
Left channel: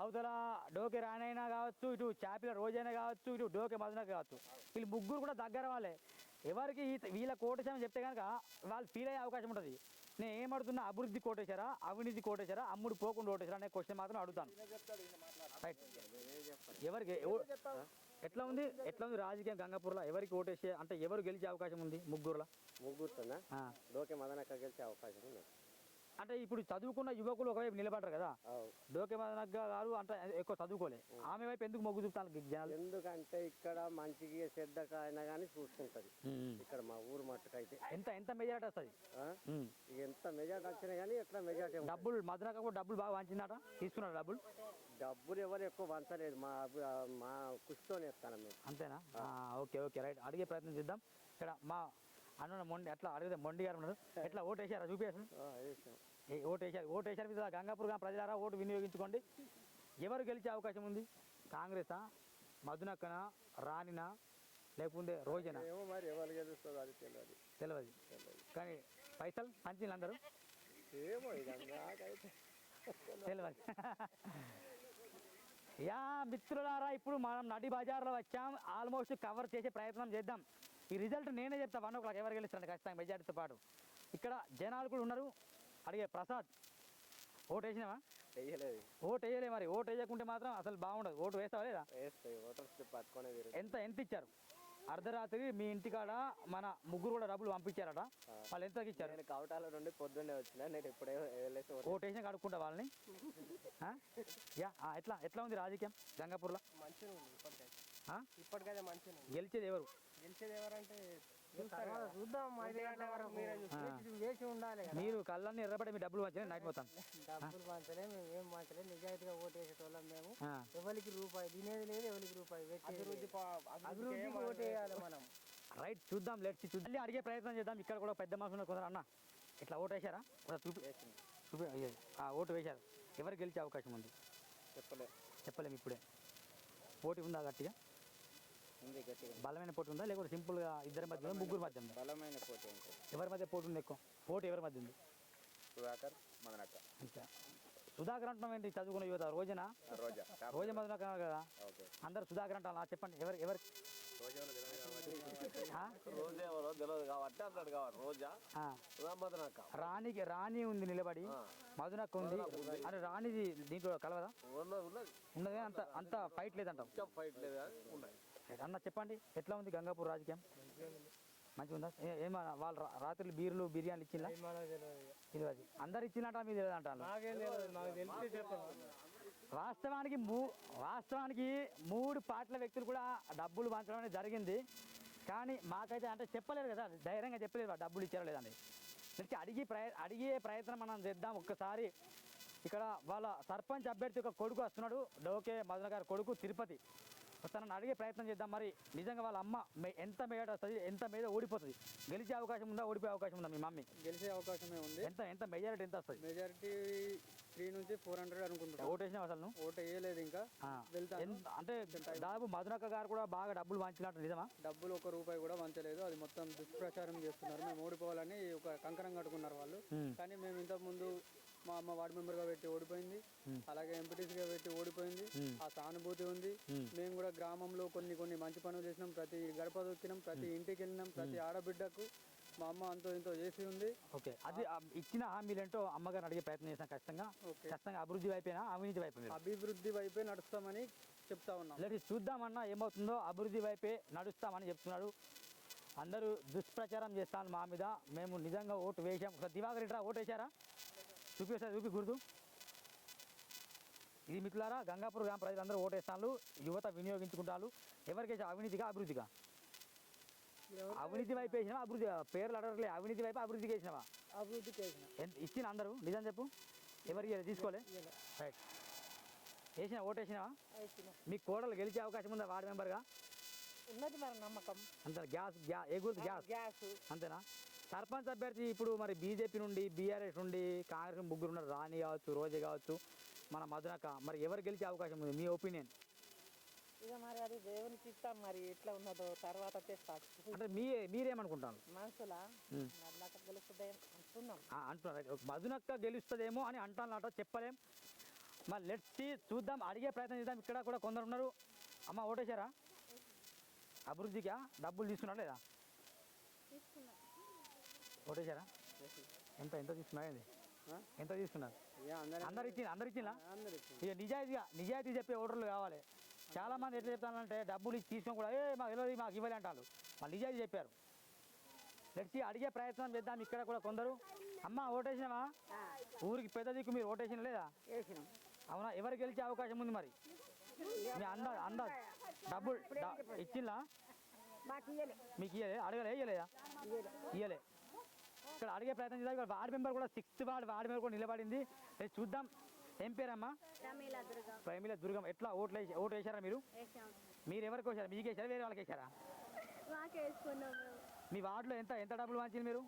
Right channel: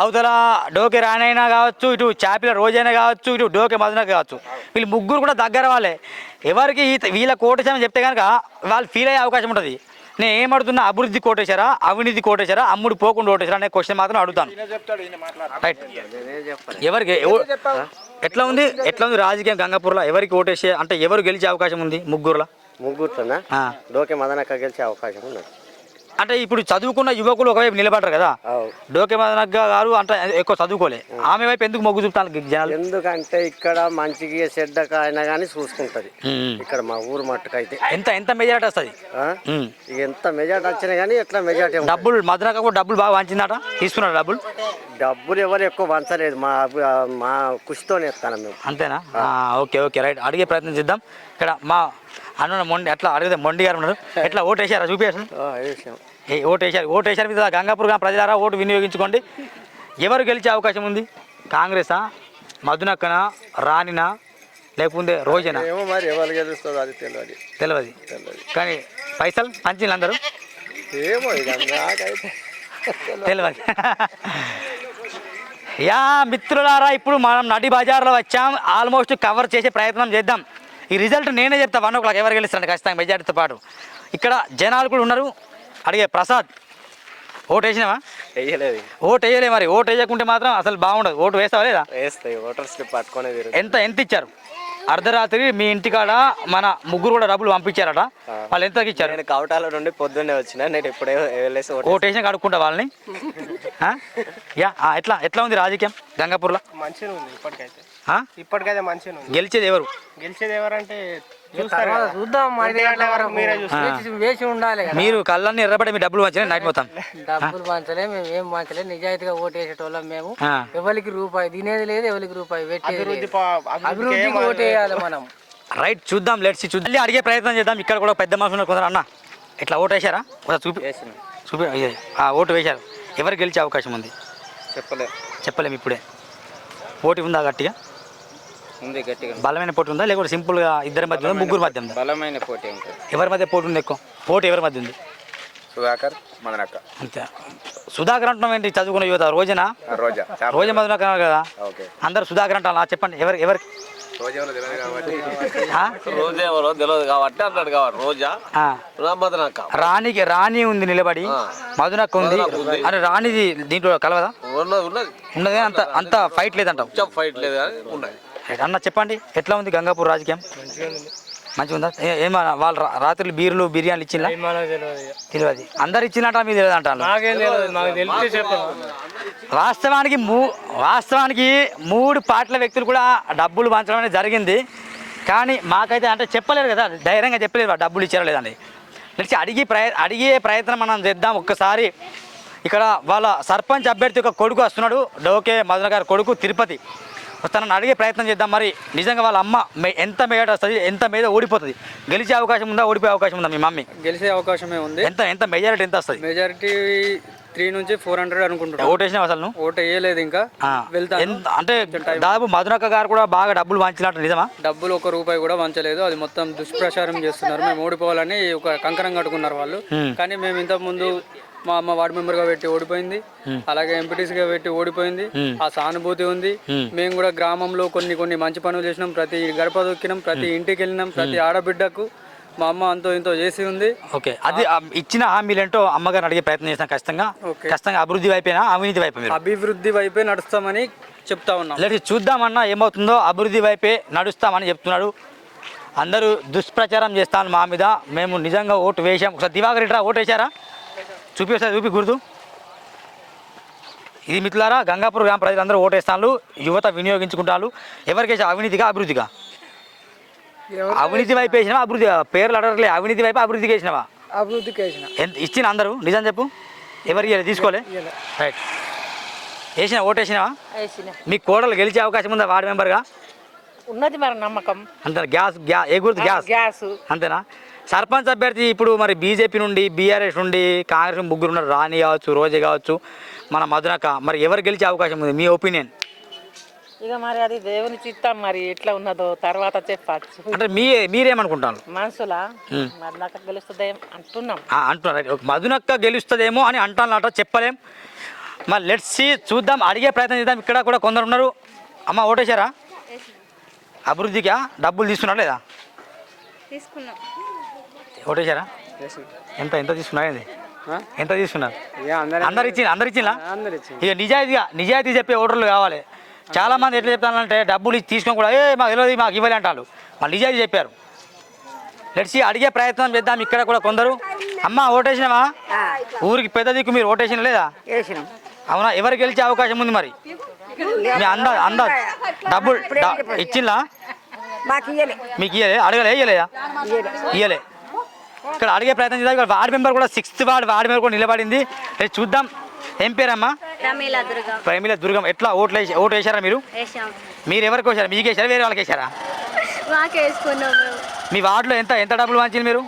అవతల డోకే రానైనా కావచ్చు, ఇటు చాపిల రోజైనా కావచ్చు, ఇటు డోకే మదన కావచ్చు, వీళ్ళు ముగ్గురు కూడా దగ్గర వాళ్ళే. ఎవరికి వీళ్ళ కోటేసామని చెప్తే కనుక వాళ్ళు ఫీల్ అయ్యే అవకాశం ఉంటుంది. నేను ఏమడుతున్నా, అభివృద్ధి కోటేశారా అవినీతి కోటేశారా అమ్ముడు పోకుండా ఓటేశారా అనే క్వశ్చన్ మాత్రం అడుగుతాను. రైట్. ఎవరికి ఎట్లా ఉంది రాజకీయం గంగాపూర్లో? ఎవరికి ఓటేసే అంటే ఎవరు గెలిచే అవకాశం ఉంది? ముగ్గురుతోనా? డోకే మదనక్క గెలిచే అవకాశం ఉంది. అంటే ఇప్పుడు చదువుకున్న యువకులు ఒకవైపు నిలబడరు కదా, డోకే మదనక్క గారు అంటే ఎక్కువ చదువుకోలే, ఆమె వైపు ఎందుకు మొగ్గు చూపుతాను జనాలు? ఎందుకంటే ఇక్కడ మంచికి చెడ్డక అయినా కానీ చూసుకుంటది. ఇక్కడ మా ఊరు మట్టుకైతే ఎంత ఎంత మెజారిటీ వస్తుంది? ఇక ఎంత మెజార్టీ వచ్చినా కానీ ఎట్లా మెజార్టీ డబ్బులు మదనక్క కూడా డబ్బులు బాగా వంచిందట, తీసుకున్నాడు డబ్బులు? డబ్బులు ఎవరు ఎక్కువ వంచలేదు, మా కృషితోనే ఇస్తాను మేము. అంతేనా? ఓకే ఓకే రైట్, అడిగే ప్రయత్నం చేద్దాం. ఇక్కడ మా అన్న మొండి అట్లా అడిగితే మొండి గారు ఉన్నారు, ఎట్లా ఓటు వేసారా చూపేసారు? ఓటు వేసారు మీద గంగాపూర్ గ్రామ ప్రజలారా ఓటు వినియోగించుకోండి. ఎవరు గెలిచే అవకాశం ఉంది? కాంగ్రెసా, మధునక్కనా, రాణినా, లేకపోతే రోజేనా? ఏమో మరి ఎవరు గెలుస్తుందో అది తెలియదు. కానీ పైసలు పంచింది అందరూ ఏమో ఇక నాకైతే తెలియదు. యా మిత్రులారా, ఇప్పుడు మనం నడి బజార్లో వచ్చాం, ఆల్మోస్ట్ కవర్ చేసే ప్రయత్నం చేద్దాం. ఈ రిజల్ట్ నేనే చెప్తా 1 o'clock ఎవరు గెలుస్తారండి ఖచ్చితంగా మెజార్టీతో పాటు. ఇక్కడ జనాలు కూడా ఉన్నారు. అడిగే ప్రసాద్, ఓటు వేసినావా? వేయలేదు. ఓటు వేయలే. మరి ఓటు వేయకుంటే మాత్రం అసలు బాగుండదు. ఓటు వేస్తావా లేదా? వేస్తాయి, ఓటర్ స్లిప్ పట్టుకునే. ఎంత ఇచ్చారు? అర్ధరాత్రి మీ ఇంటికాడ మన ముగ్గురు కూడా డబ్బులు పంపించారట, వాళ్ళు ఎంతకి ఇచ్చారు? నేను కవటాల నుండి పొద్దున్నే వచ్చిన, నేను ఇప్పుడే వెళ్ళేసి ఓటు వేసినా కడుక్కుంటా వాళ్ళని. యా ఎట్లా ఉంది రాజకీయం గంగాపూర్లో? మంచిగా ఉంది ఇప్పటికైతే. ఇప్పటికైతే మంచిగా ఉంది. గెలిచేది ఎవరు? గెలిచేది ఎవరంటే చూద్దాం, వేసి ఉండాలి. మీరు కళ్ళన్నీ ఎర్రబడి మీ డబ్బులు మంచిగా నైట్ మొత్తం డబ్బులు పంచలే, మేము ఏం పంచలే, నిజాయితీగా ఓటు వేసేటోళ్ళం మేము. ఎవరికి రూపాయి తినేది లేదు, ఎవరికి రూపాయి అభివృద్ధికి ఓటు వేయాలి మనం. రైట్, చూద్దాం, లెట్స్ చూద్దాం. అడిగే ప్రయత్నం చేద్దాం. ఇక్కడ కూడా పెద్ద మనుషులు కొందరు. అన్న ఇట్లా ఓటు వేసారా? చూపి ఓటు వేశారు. ఎవరు గెలిచే అవకాశం ఉంది? చెప్పలేము ఇప్పుడే. పోటీ ఉందా గట్టిగా? ఉంది గట్టిగా. బలమైన పోటీ ఉందా లేకపోతే సింపుల్గా ఇద్దరి మధ్య ఉందా, ముగ్గురు మధ్య ఉందా? బలమైన పోటీ ఉంటుంది. ఎవరి మధ్య పోటీ ఉంది ఎక్కువ? పోటీ ఎవరి మధ్య ఉంది? సుధాకర్, మదనక్క. అంతే. సుధాకర్ అంటున్నాం ఏంటి? చదువుకున్న యువత రోజా మధునక్క కదా, అందరు సుధాకర్ అంటారా? చెప్పండి ఎవరికి? రాణి ఉంది నిలబడి, మధునక్క ఉంది. అరే రాణిది దీంట్లో కలవదా? ఉన్నదే, అంత ఫైట్ లేదంటావు? అన్న చెప్పండి, ఎట్లా ఉంది గంగాపూర్ రాజకీయం? మంచిగా ఉందా? ఏమన్నా వాళ్ళు రాత్రులు బీర్లు బిర్యానీలు ఇచ్చిందా? తెలియదు. అందరు ఇచ్చినట్ట మీకు తెలియదు అంటారు. వాస్తవానికి 3 పార్టీల వ్యక్తులు కూడా డబ్బులు పంచడం అనేది జరిగింది. కానీ మాకైతే అంటే చెప్పలేరు కదా, ధైర్యంగా చెప్పలేరు డబ్బులు ఇచ్చారో లేదని. తెలిసి అడిగే ప్రయత్నం మనం చేద్దాం. ఒక్కసారి ఇక్కడ వాళ్ళ సర్పంచ్ అభ్యర్థి యొక్క కొడుకు వస్తున్నాడు, డోకే మదన గారి కొడుకు తిరుపతి వస్తానని అడిగే ప్రయత్నం చేద్దాం. మరి నిజంగా వాళ్ళ అమ్మ ఎంత మేడ వస్తుంది, ఎంత మీద ఓడిపోతుంది? గెలిచే అవకాశం ఉందా, ఓడిపోయే అవకాశం ఉందా? మీ మమ్మీ గెలిచే అవకాశమే ఉంది. ఎంత మెజారిటీ ఎంత వస్తుంది? మెజారిటీ 3 నుంచి 400 అనుకుంటున్నా. ఓటు వేసినావు అసలు? ఓటు వేయలేదు ఇంకా, వెళ్తాను. అంటే దాదాపు మధునక్క గారు కూడా బాగా డబ్బులు వంచినట్టు నిజమా? డబ్బులు 1 రూపాయి కూడా వంచలేదు. అది మొత్తం దుష్ప్రచారం చేస్తున్నారు. మేము ఓడిపోవాలని ఒక కంకణం కట్టుకున్నారు వాళ్ళు. కానీ మేము ఇంతకుముందు మా అమ్మ వార్డు మెంబర్గా పెట్టి ఓడిపోయింది, అలాగే ఎంపీటీసీగా పెట్టి ఓడిపోయింది. ఆ సానుభూతి ఉంది. మేము కూడా గ్రామంలో కొన్ని మంచి పనులు చేసినాం. ప్రతి గడప దొక్కినాం, ప్రతి ఇంటికి వెళ్ళినాం, ప్రతి ఆడబిడ్డకు మా అమ్మ అంతో ఇంతో చేసి ఉంది. ఓకే, అది ఇచ్చిన హామీలు ఏంటో అమ్మగారు అడిగే ప్రయత్నం చేస్తాం. ఖచ్చితంగా అభివృద్ధి వైపేనా అవినీతి వైపు? అభివృద్ధి వైపే నడుస్తామని చెప్తా ఉన్నాం. లేదు చూద్దామన్నా ఏమవుతుందో. అభివృద్ధి వైపే నడుస్తామని చెప్తున్నాడు. అందరూ దుష్ప్రచారం చేస్తాను మా మీద. మేము నిజంగా ఓటు వేసాం. ఒకసారి దివాకర్ ఇట్రా, ఓటు వేసారా? చూపి గుర్తు. ఇది మిత్రులారా, గంగాపూర్ గ్రామ ప్రజలందరూ ఓటేస్తాను. యువత వినియోగించుకుంటారు. ఎవరికి వేసా? అవినీతిగా అభివృద్ధిగా? అవినీతి వైపు వేసినావా అభివృద్ధి? పేర్లు అడగలే. అవినీతి వైపు అభివృద్ధికి వేసినావా? అభివృద్ధికి వేసిన. ఇచ్చిన అందరూ నిజం చెప్పు. ఎవరికి తీసుకోలే? రైట్. ఓటు వేసినావా? మీ కోడలు గెలిచే అవకాశం ఉందా వార్డు మెంబర్గా? ఉన్నది మరి నమ్మకం. అంతేనా? ఏ గుర్తు? గ్యాస్. అంతేనా? సర్పంచ్ అభ్యర్థి ఇప్పుడు మరి బీజేపీ నుండి, బీఆర్ఎస్ నుండి, కాంగ్రెస్ ముగ్గురు ఉన్నారు. రాణి కావచ్చు, రోజే కావచ్చు, మన మధునక్క. మరి ఎవరు గెలిచే అవకాశం ఉంది మీ ఒపీనియన్? ఇక మరి అది దేవుని చిత్తం, మరి ఎట్లా ఉన్నదో తర్వాత చెప్పచ్చు. అంటే మీరేమనుకుంటారు? మనసులా మధునక్క గెలుస్తుందేమో అంటున్నారు. మధునక్క గెలుస్తుందేమో అని అంటానట, చెప్పలేం. మరి లెట్స్ సీ, చూద్దాం, అడిగే ప్రయత్నం చేద్దాం. ఇక్కడ కూడా కొందరు ఉన్నారు. అమ్మ ఓటేశారా? అభివృద్ధిగా డబ్బులు తీసుకున్నారా లేదా? ఓటేశారా? ఎంత తీసుకున్నారు? ఎంత తీసుకున్నారు? అందరు ఇచ్చిందా? ఇక నిజాయితీ చెప్పే ఓటర్లు కావాలి. చాలా మంది ఎట్లా చెప్తానంటే డబ్బులు తీసుకొని కూడా మాకు తెలియదు, మాకు ఇవ్వాలి అంటారు. వాళ్ళు నిజాయితీ చెప్పారు. లెట్స్ అడిగే ప్రయత్నం చేద్దాం. ఇక్కడ కూడా కొందరు అమ్మ ఓటేసినావా? ఊరికి పెద్ద దిక్కు మీరు ఓటేసిన లేదా? వేసినాం. అవునా? ఎవరు గెలిచే అవకాశం ఉంది మరి? మీ అందాజ్ డబ్బులు ఇచ్చిందా? మాకు ఇయ్యలే. మీకు ఇయ్యలే? అడగలే? ఇయ్యలేదా? ఇయ్యలే. ఇక్కడ అడిగే ప్రయత్నం చేద్దాం. ఇక్కడ వార్డు మెంబర్ కూడా 6th వార్డు మెంబర్ కూడా నిలబడింది. రేపు చూద్దాం. ఏం పేరమ్మా? ప్రమీల దుర్గం. ఎట్లా ఓటు వేసారా మీరు? మీరు ఎవరికి వేసారా? మీకు వేసారా వేరే వాళ్ళకి వేసారా? మీ వార్డులో ఎంత డబ్బులు వాంచింది మీరు?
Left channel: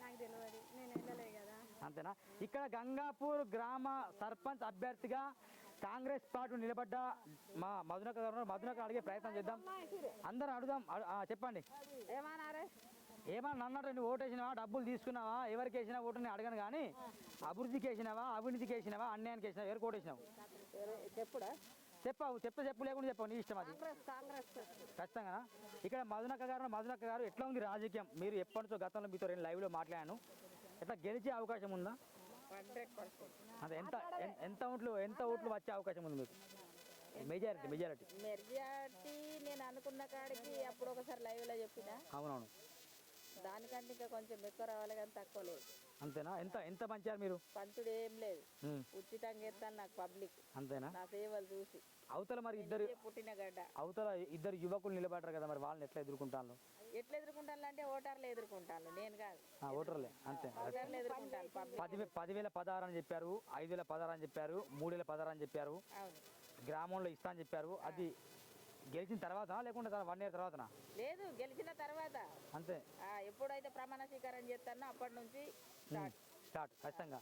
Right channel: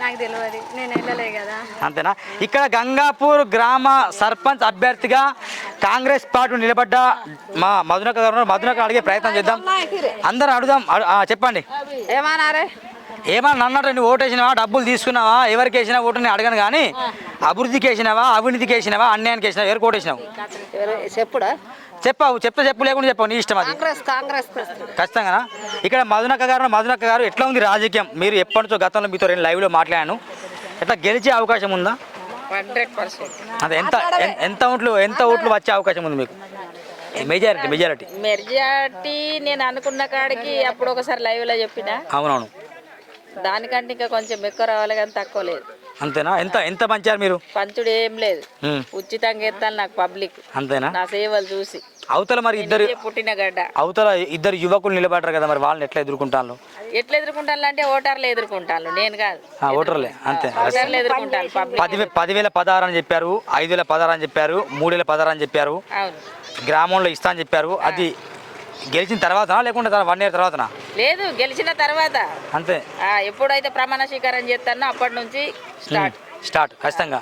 నాకు తెలియదు, నేను వెళ్ళలే కదా. అంతేనా? ఇక్కడ గంగాపూర్ గ్రామ సర్పంచ్ అభ్యర్థిగా కాంగ్రెస్ పార్టీ నిలబడ్డ మా మధునక్క గారు మధునక్క అడిగే ప్రయత్నం చేద్దాం. అందరూ అడుగుదాం. చెప్పండి. ఏమన్నా అన్నట్టు నువ్వు ఓటేసినావా? డబ్బులు తీసుకున్నావా? ఎవరికి వేసినా ఓటు నేను అడగను కానీ అభివృద్ధికి వేసినావా, అవినీతికి వేసినావా, అన్యాయానికి వేసినావా, ఎవరికి ఓటేసినావు? చెప్పుడా? చెప్పావు. చెప్పు లేకుండా చెప్పావు, నీ ఇష్టం అది. కాంగ్రెస్ ఖచ్చితంగా. ఇక్కడ మధునక్క గారు ఎట్లా ఉంది రాజకీయం? మీరు ఎప్పటి నుంచో గతంలో మీతో నేను లైవ్లో మాట్లాడాను. ఎట్లా గెలిచే అవకాశం ఉందా? 100%. అదే ఎంత ఓట్లు వచ్చే అవకాశం ఉంది మీకు? మెజారిటీ నేను అనుకున్న కాడికి అప్పుడు ఒకసారి లైవ్ లో చెప్పిన. అవునవును. దానికంటే ఇంకా కొంచెం ఎక్కువ రావాలి కానీ తక్కువ లేదు. అంతేనా? ఎంత పంచారు మీరు? పంచుడు ఏం లేదు, ఉచితంగా ఎత్తాలి నాకు పబ్లిక్. అంతేనా? నా సేవలు చూసి. అవతల మరి ఇద్దరు పుట్టిన గడ్డ అవతల ఇద్దరు యువకులు నిలబడ్డారు కదా, మరి వాళ్ళని ఎట్లా ఎదుర్కొంటాను? ఎట్లా ఎదుర్కొంటాను అంటే ఓటర్లు ఎదుర్కొంటాను, నేను కాదు. ఓటర్లే అంతే. ఓటర్లు ఎదుర్కొంటాను. 10,016 అని చెప్పారు, 5,016 అని చెప్పారు, 3,016 అని చెప్పారు. అవును, గ్రామంలో ఇస్తా అని చెప్పారు. అది గెలిచిన తర్వాత లేకుంటే 1 year తర్వాత? లేదు, గెలిచిన తర్వాత అంతే. ఎప్పుడైతే ప్రమాణ స్వీకారం చేస్తానో అప్పటి నుంచి స్టార్ట్ ఖచ్చితంగా.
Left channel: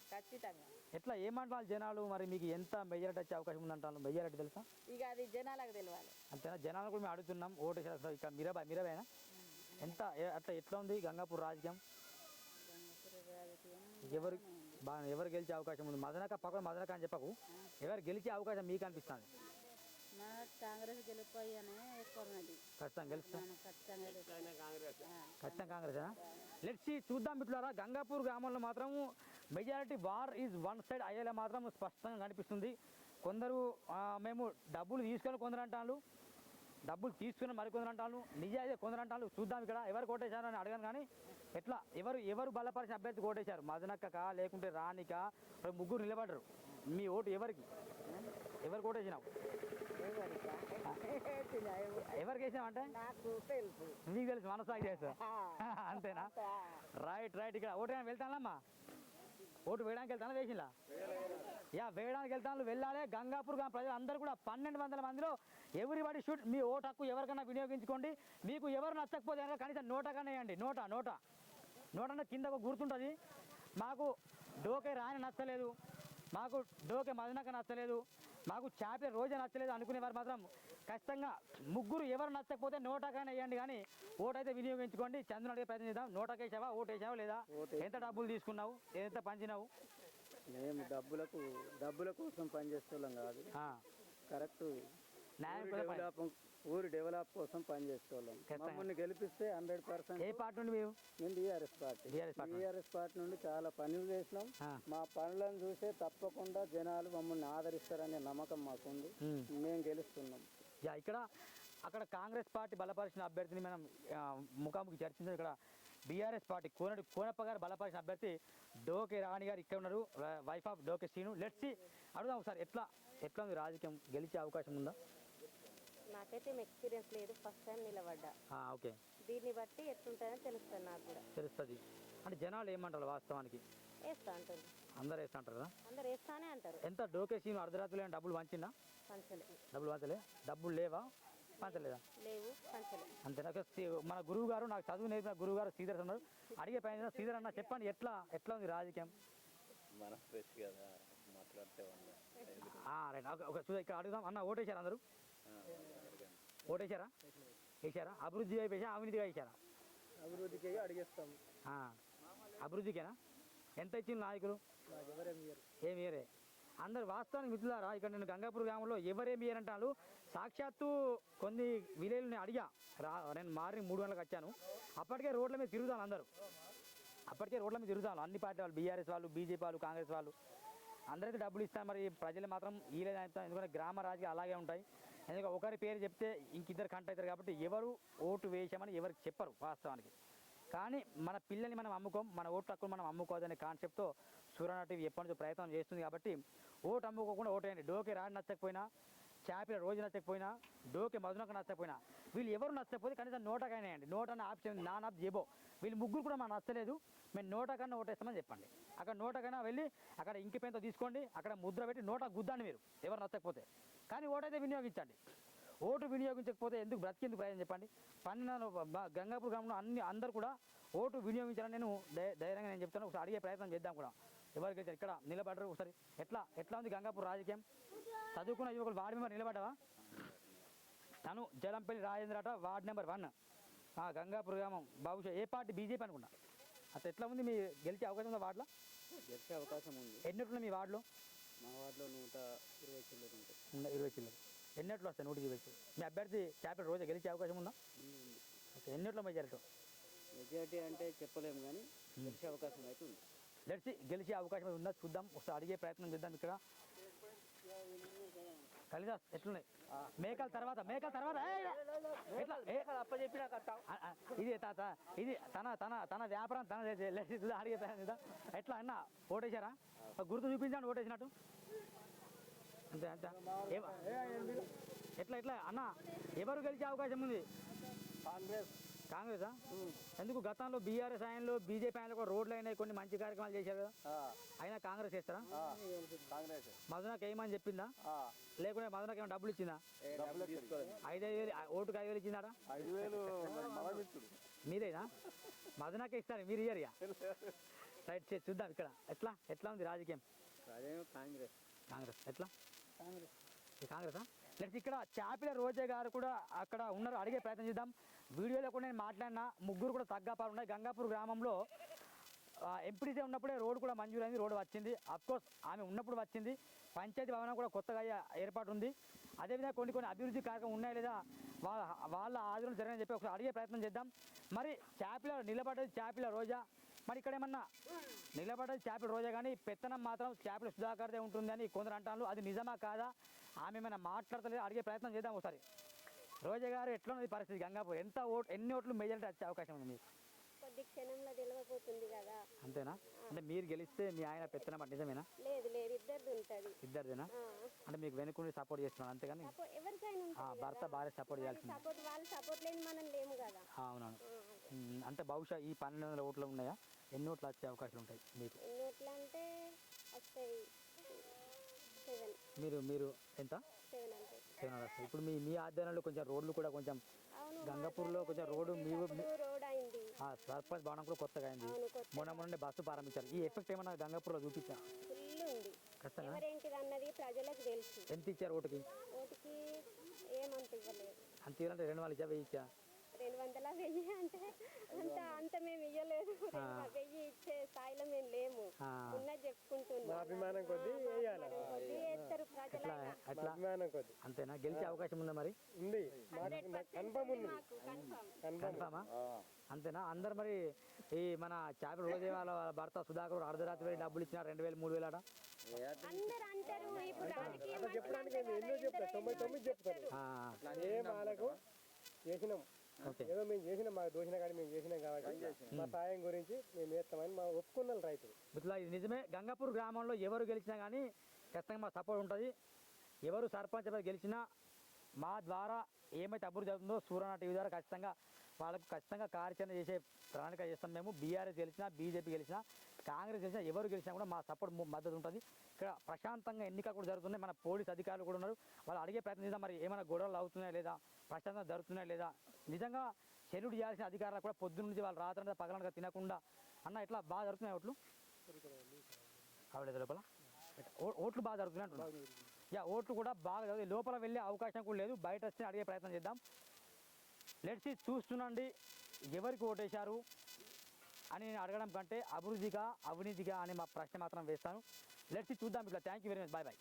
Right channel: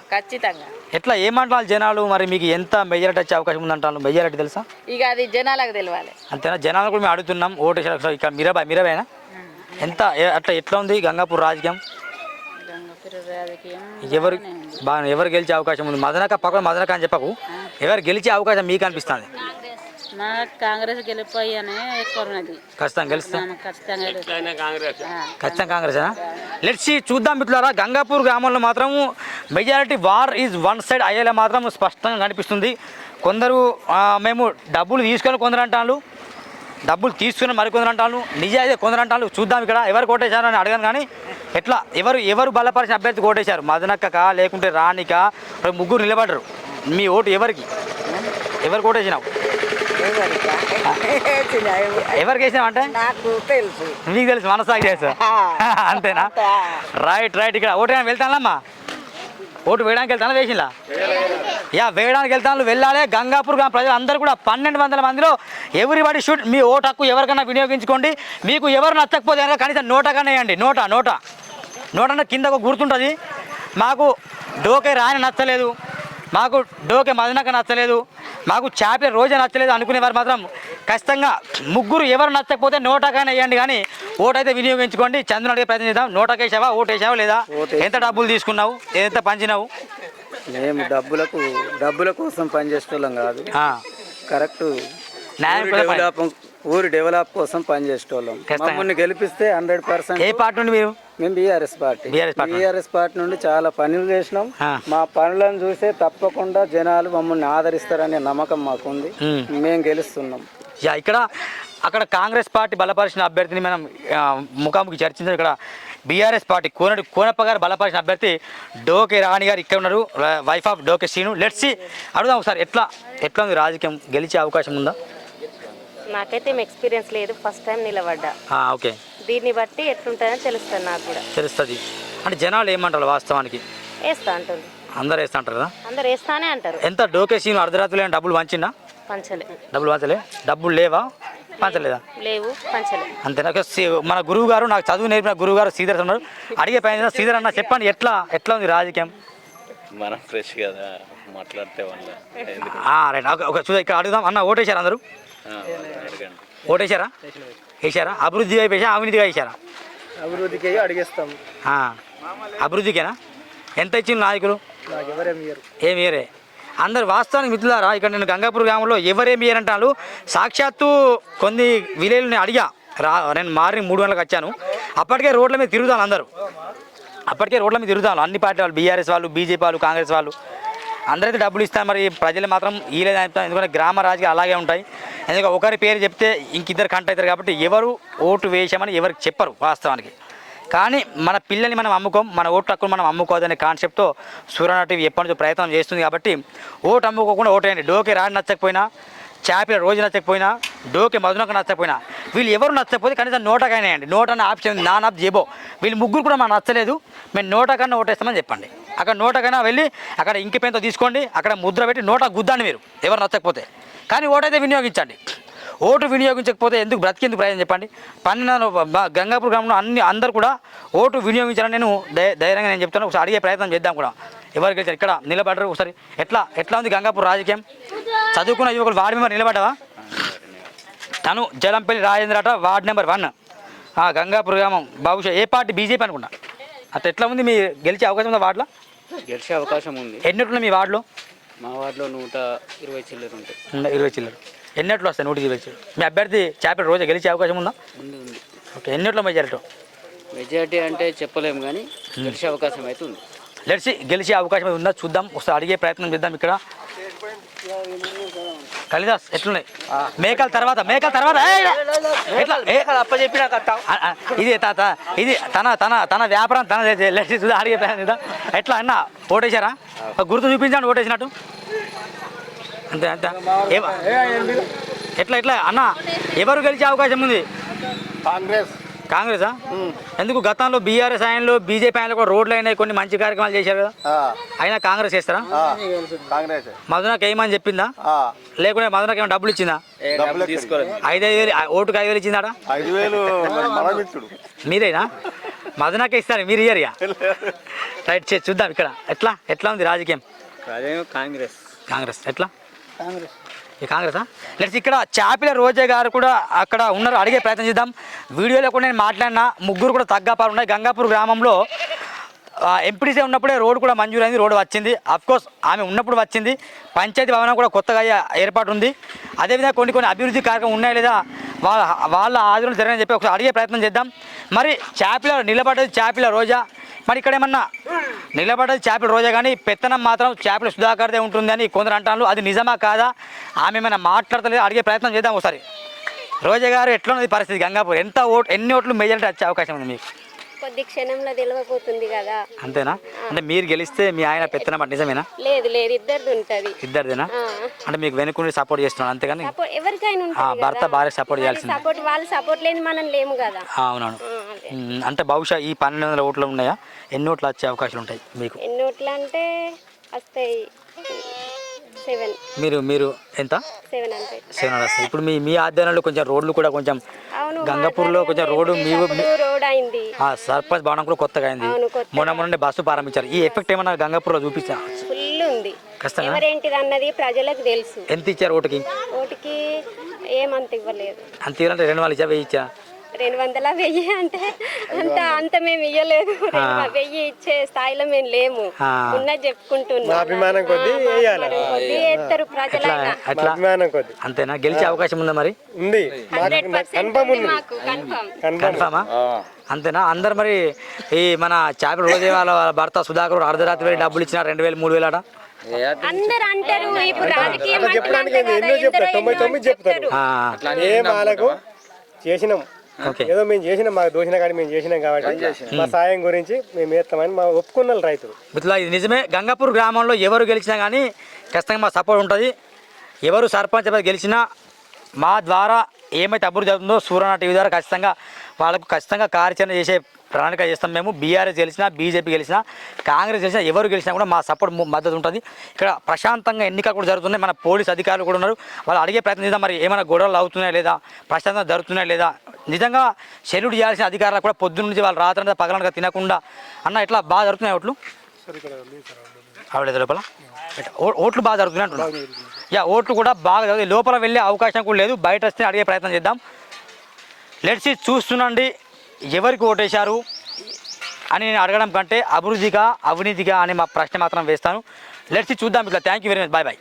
ఎట్లా ఏమంటారు జనాలు? మరి మీకు ఎంత మెజారిటీ వచ్చే అవకాశం ఉందంటారు? మెజారిటీ తెలుసా? ఇక అది జనాలకు తెలియాలి. అంతేనా? జనాలు కూడా మేము అడుగుతున్నాం. ఓటు ఇక్కడ మీరాబాయినా అట్లా ఎట్లా ఉంది గంగాపూర్ రాజకీయం? ఎవరు గెలిచే అవకాశం ఉంది? మదనక అని చెప్పకు, ఎవరు గెలిచే అవకాశం మీకు అనిపిస్తుంది? కాంగ్రెస్ గెలిపోయానే ఎక్కువ ఉన్నది. ఖచ్చితంగా గెలుస్తాం. కాంగ్రెస్ కాంగ్రెసేనా? లెట్స్ సీ, చూద్దాం మిత్రులారా. గంగాపూర్ గ్రామంలో మాత్రం majority war is one side అయ్యేలా మాత్రం స్పష్టంగా కనిపిస్తుంది. కొందరు మేము డబ్బులు తీసుకొని కొందరు అంటాను, డబ్బులు తీసుకుని మరికొందరు అంటాను, నిజాయితీ కొందరు అంటాను. చూద్దాం ఇక్కడ ఎవరు కోటేశారు అని అడగాను కానీ ఎట్లా ఎవరు బలపరిచిన అభ్యర్థి కోటేశారు? మదనక్కకా లేకుంటే రాణికా? ముగ్గురు నిలబడరు. మీ ఓటు ఎవరికి కోటేసినావు? ఎవరికి వేసినావు అంటే? నాకు తెలుసు. మీకు తెలుసు, మనసాగి చేస్తా. అంతేనా? రైట్. ఇక్కడ ఓటు వెళ్తానమ్మా, ఓటు వేయడానికి వెళ్తాను. వేసిందా? వేయడానికి వెళ్తాను. వెళ్ళాలి. గంగాపూర్ గ్రామ ప్రజలు అందరూ కూడా 1200 మందిలో ఎవ్రీబడి షుడ్ మీ ఓటు హక్కు ఎవరికైనా వినియోగించుకోండి. మీకు ఎవరు నచ్చకపోతే కనుక కనీసం నోటకన్నా వేయండి. నోట కింద ఒక గుర్తుంటుంది. మాకు డోకే రాని నచ్చలేదు, మాకు డోకే మదనక నచ్చలేదు, మాకు చాపే రోజే నచ్చలేదు అనుకునేవారు మాత్రం ఖచ్చితంగా ముగ్గురు ఎవరు నచ్చకపోతే నోటకైనా వేయండి, కానీ ఓటు అయితే వినియోగించుకోండి. చంద్రుని అడిగే ప్రయత్నం చేద్దాం. నోటకేసావా? ఓటు వేసావా లేదా? ఎంత డబ్బులు తీసుకున్నావు? ఎంత పంచినావు? మేము డబ్బుల కోసం పనిచేసేటోళ్ళం కాదు. కరెక్ట్ ఊరి డెవలప్ కోసం పనిచేసేటోళ్ళం. మమ్మల్ని గెలిపిస్తే 100%. ఏ పార్టీ నుండి మీరు? మేము బీఆర్ఎస్ పార్టీ నుండి చాలా పనులు చేసినాం. మా పనులను చూసే తప్పకుండా జనాలు మమ్మల్ని ఆదరిస్తారనే నమ్మకం మాకుంది. మేము గెలుస్తున్నాం. ఇక్కడ అక్కడ కాంగ్రెస్ పార్టీ బలపరిచిన అభ్యర్థిని మనం ముఖాముఖి చర్చించాం. ఇక్కడ బీఆర్ఎస్ పార్టీ కోనప్ప గారు బలపరిచిన అభ్యర్థి డోకే రాణి గారు ఇక్కడ ఉన్నారు, వైఫ్ ఆఫ్ డోకే శ్రీను. లెట్స్ అడుగుదాం ఒకసారి ఎట్లా ఉంది రాజకీయం? గెలిచే అవకాశం ఉందా? నాకైతే ఎక్స్పీరియన్స్ లేదు, ఫస్ట్ టైం నిలబడ్డా. ఓకే. దీన్ని బట్టి ఎట్లుంటుందని తెలుస్తుంది. నాకు కూడా తెలుస్తుంది. అంటే జనాలు ఏమంటారు వాస్తవానికి? వేస్తా అంటుంది. అందరు వేస్తా అంటారు కదా? అందరు వేస్తానే అంటారు. ఎంత డోకే శ్రీను అర్ధరాత్రులు డబ్బులు పంచినా? డబ్బులు పంచలే. డబ్బులు లేవా? పంచలేదా? లేవు, పంచలే. అంతేనా? మన గురువు గారు, నాకు చదువు నేర్పిన గురువు గారు శ్రీధర్ ఉన్నారు. అడిగే పైన శ్రీధర్ అన్న చెప్పండి, ఎట్లా ఉంది రాజకీయం? మనం ఫ్రెష్ కదా మాట్లాడితే రైట్. ఒక ఇక్కడ అడుగుదాం. అన్న ఓటేశారా? అందరూ ఓటేశారా? వేసారా? అభివృద్ధి వైపు వేసా, అవినీతిగా వేసారా? అభివృద్ధికి అడిగేస్తాం. అభివృద్ధికేనా? ఎంత ఇచ్చింది నాయకులు? ఏమి ఇయరే. అందరు వాస్తవానికి మిత్రులారా, ఇక్కడ నేను గంగాపూర్ గ్రామంలో ఎవరేమి ఇయరంటాను. సాక్షాత్తు కొన్ని విలేజ్లు నేను అడిగా. నేను మార్నింగ్ 3 గంటలకు వచ్చాను. అప్పటికే రోడ్ల మీద తిరుగుతాను. అన్ని పార్టీ వాళ్ళు, బీఆర్ఎస్ వాళ్ళు, బీజేపీ వాళ్ళు, కాంగ్రెస్ వాళ్ళు అందరైతే డబ్బులు ఇస్తారు. మరి ప్రజలు మాత్రం ఈలేదు అంటారు. ఎందుకంటే గ్రామ రాజకీయాలు అలాగే ఉంటాయి. ఎందుకంటే ఒకరి పేరు చెప్తే ఇంకిద్దరు కంట అవుతారు. కాబట్టి ఎవరు ఓటు వేసామని ఎవరికి చెప్పరు వాస్తవానికి. కానీ మన పిల్లల్ని మనం అమ్ముకోం, మన ఓటు హక్కును మనం అమ్ముకోదనే కాన్సెప్ట్తో సూర్యనారాయణ టీవీ ఎప్పటి నుంచో ప్రయత్నం చేస్తుంది. కాబట్టి ఓటు అమ్ముకోకుండా ఓటేయండి. డోకే రాడి నచ్చకపోయినా, చాపిల రోజు నచ్చకపోయినా, డోకే మధునకు నచ్చకపోయినా, వీళ్ళు ఎవరు నచ్చకపోతే కనీసం నోటకైనా వేయండి. నోటన్న ఆప్షన్ ఉంది, నాన్ ఆప్ జేబో. వీళ్ళు ముగ్గురు కూడా మాకు నచ్చలేదు, మేము నోటకన్నా ఓటేస్తామని చెప్పండి. అక్కడ నోటకైనా వెళ్ళి అక్కడ ఇంకి పెన్తో తీసుకోండి, అక్కడ ముద్ర పెట్టి నోట గుద్దండి మీరు ఎవరు నచ్చకపోతే. కానీ ఓటైతే వినియోగించండి. ఓటు వినియోగించకపోతే ఎందుకు బ్రతికేందుకు ప్రయోజనం చెప్పండి. 12 గంగాపూర్ గ్రామంలో అందరూ కూడా ఓటు వినియోగించాలని నేను ధైర్యంగా నేను చెప్తాను. ఒకసారి అడిగే ప్రయత్నం చేద్దాం కూడా. ఎవరికి గెలిచారు ఇక్కడ నిలబడ్డారు ఒకసారి. ఎట్లా ఉంది గంగాపూర్ రాజకీయం? చదువుకున్న యువకులు వార్డు మెంబర్ నిలబడ్డావా? తను జలంపల్లి రాజేంద్ర అట, వార్డు నెంబర్ 1 గంగాపూర్ గ్రామం. బహుశా ఏ పార్టీ? బీజేపీ అనుకున్నా. అట్లా ఎట్లా ఉంది? మీ గెలిచే అవకాశం ఉందా వార్డులో? గెలిచే అవకాశం ఉంది. ఎన్నిట్లు మీ వార్డులో? మా వార్డులో 120 చిల్లర ఉంటాయి. 120 చిల్లర. ఎన్నెట్లు వస్తాయి? 120 చిల్లర. మీ అభ్యర్థి చాపిల రోజు గెలిచే అవకాశం ఉందా? ఉంది. ఓకే. ఎన్నిట్లో మెజారిటీ అంటే చెప్పలేము కానీ గెలిచే అవకాశం అయితే ఉంది. గెలిచే అవకాశం ఉందా చూద్దాం. ఒకసారి అడిగే ప్రయత్నం చేద్దాం. ఇక్కడ కాళిదాస్ ఎట్లున్నాయి? మేకల తర్వాత ఇది తన వ్యాపారం తన అడిగే ప్రయత్నం చేద్దాం. ఎట్లా అన్న ఓటేశారా? గుర్తు చూపించండి ఓటేసినట్టు. అంతే ఎట్లా అన్న ఎవరు గెలిచే అవకాశం ఉంది? కాంగ్రెసా? ఎందుకు? గతంలో బీఆర్ఎస్ ఆయనలో బీజేపీ ఆయనలో కూడా రోడ్లు అయినాయి, కొన్ని మంచి కార్యక్రమాలు చేశారు కదా, అయినా కాంగ్రెస్ చేస్తారా? మధునకు ఏమని చెప్పిందా? లేకుంటే మధునకు ఏమైనా డబ్బులు ఇచ్చిందా? 5,000 ఓటుకు 5,000 ఇచ్చిందా? మీరేనా? మధునకే ఇస్తారు, మీరు ఇయ్యరు. రైట్, చూద్దాం ఇక్కడ ఎట్లా ఉంది రాజకీయం. కాంగ్రెస్ ఎట్లా? కాంగ్రెసా? లెట్స్ ఇక్కడ చాపిల రోజా గారు కూడా అక్కడ ఉన్నారు, అడిగే ప్రయత్నం చేద్దాం. వీడియోలో కూడా నేను మాట్లాడినా ముగ్గురు కూడా తగ్గాపాలు ఉన్నాయి. గంగాపూర్ గ్రామంలో ఎంపీడీసీ ఉన్నప్పుడే రోడ్డు కూడా మంజూరైంది, రోడ్డు వచ్చింది. అఫ్కోర్స్ ఆమె ఉన్నప్పుడు వచ్చింది. పంచాయతీ భవనం కూడా కొత్తగా ఏర్పాటు ఉంది. అదేవిధంగా కొన్ని అభివృద్ధి కార్యక్రమం ఉన్నాయా లేదా వాళ్ళ ఆధీనంలో జరగని చెప్పి ఒకసారి అడిగే ప్రయత్నం చేద్దాం. మరి చాపిల నిలబడ్డది చాపిల రోజా, మరి ఇక్కడ ఏమన్నా నిలబడ్డది చాపిల రోజా కానీ పెత్తనం మాత్రం చాపిల సుధాకర్దే ఉంటుంది అని కొందరు అంటారు. అది నిజమా కాదా? ఆమె ఏమైనా మాట్లాడతలేదు, అడిగే ప్రయత్నం చేద్దాం ఒకసారి. రోజా గారు ఎట్లా ఉన్నది పరిస్థితి? గంగాపూర్ ఎన్ని ఓట్లు మెజారిటీ వచ్చే అవకాశం ఉంది మీకు? కొద్ది క్షణంలో తెలియకపోతుంది కదా. అంతేనా? అంటే మీరు గెలిస్తే మీ ఆయన పెత్తనం అంటే నిజమేనా? లేదు ఇద్దరిది ఉంటుంది. ఇద్దరిదేనా? అంటే మీకు వెనుకుండి సపోర్ట్ చేస్తున్నాను అంతేగాని ఎవరికైనా భర్త భార్య సపోర్ట్ చేయాల్సింది. వాళ్ళు సపోర్ట్ లేని మనం లేము కదా. అవునవును. అంటే బహుశా ఈ 1,200 ఓట్లు ఉన్నాయా? ఎన్ని ఓట్లు వచ్చే అవకాశాలు ఉంటాయి మీకు? ఎన్ని ఓట్లు అంటే వస్తాయి 7. మీరు ఎంత? 7 వస్తాయి. ఇప్పుడు మీ ఆధ్వర్యంలో కొంచెం రోడ్లు కూడా కొంచెం గంగాపూర్లో కొంచెం రోడ్డు రోడ్ అయింది. సర్పంచ్ భవనం కూడా కొత్తగా అయింది. మొన్న బస్సు ప్రారంభించారు. ఈ ఎఫెక్ట్ ఏమన్నా గంగాపూర్లో చూపించా? ఫుల్ ఉంది. ఎవరేంటిది అన్నది ప్రజలకు తెలుసు. ఎంత ఇచ్చారు ఓటుకి? ఓటుకి ఏమంత ఇవ్వలేదు. అంత ఇవ్వాలంటే 2 వాళ్ళు ఇచ్చా 1000 ఇచ్చా? 200 1000 అంటే అంత మేము ఇయ్యలేదు. 1000 ఇచ్చే స్థాయిలో మేము లేము. ఉన్నది చెప్పుకుంటున్నాం. అభిమానం కొద్ది ఎత్తారు ప్రజలైనా. అంతేనా? గెలిచే అవకాశం ఉందా? మరి ఉంది. కన్ఫామా? అంతేనా? అందరు మరి ఈ మన చాపిల రోజే వాళ్ళ భర్త సుధాకర్ అర్ధరాత్రి వెళ్ళి డబ్బులు ఇచ్చిన 2,000 3,000 అట అందరు అంటారు. ఇప్పుడు రాజకీయం చేసినాం, ఏదో మేము చేసినాం, మాకు దోషిన కానీ మేము చేసినాం కాబట్టి మా సాయం గురించి మేము వేస్తామని మా ఒప్పుకున్నాం రైతులు. ఇట్లా ఇది నిజమే. గంగాపూర్ గ్రామంలో ఎవరు గెలిచినా కానీ ఖచ్చితంగా మా సపోర్ట్ ఉంటుంది. ఎవరు సర్పంచ్ గెలిచినా మా ద్వారా ఏమైతే అభివృద్ధి అవుతుందో సూర్యనారాయణ టీవీ ద్వారా వాళ్ళకు ఖచ్చితంగా కార్యాచరణ చేసే ప్రణాళిక చేస్తాం. మేము బీఆర్ఎస్ గెలిచినా, బీజేపీ గెలిచినా, కాంగ్రెస్ గెలిచినా, ఎవరు గెలిచినా కూడా మా సపోర్ట్ మద్దతు ఉంటుంది. ఇక్కడ ప్రశాంతంగా ఎన్నికలు కూడా జరుగుతున్నాయి. మన పోలీస్ అధికారులు కూడా ఉన్నారు. వాళ్ళు అడిగే ప్రయత్నం చేద్దాం. మరి ఏమైనా గొడవలు అవుతున్నాయా లేదా, ప్రశాంతంగా జరుగుతున్నాయా లేదా, నిజంగా సెల్యూట్ చేయాల్సిన అధికారులు కూడా పొద్దున్న నుంచి వాళ్ళు రాత్రి పగలనగా తినకుండా అన్న ఇట్లా బాగా జరుగుతున్నాయి ఓట్లు ఆవిడ లోపల ఓట్లు బాగా జరుగుతున్నాయి అంటున్నాను. ఓట్లు కూడా బాగా జరుగుతాయి. లోపల వెళ్ళే అవకాశం కూడా లేదు. బయట వస్తే అడిగే ప్రయత్నం చేద్దాం. లెట్స్ చూస్తుండండి ఎవరికి ఓటేశారు అని నేను అడగడం కంటే అభివృద్ధిగా అవినీతిగా అని మా ప్రశ్న మాత్రం వేస్తాను. లెట్స్ చూద్దాం ఇట్లా. Thank you very much. Bye.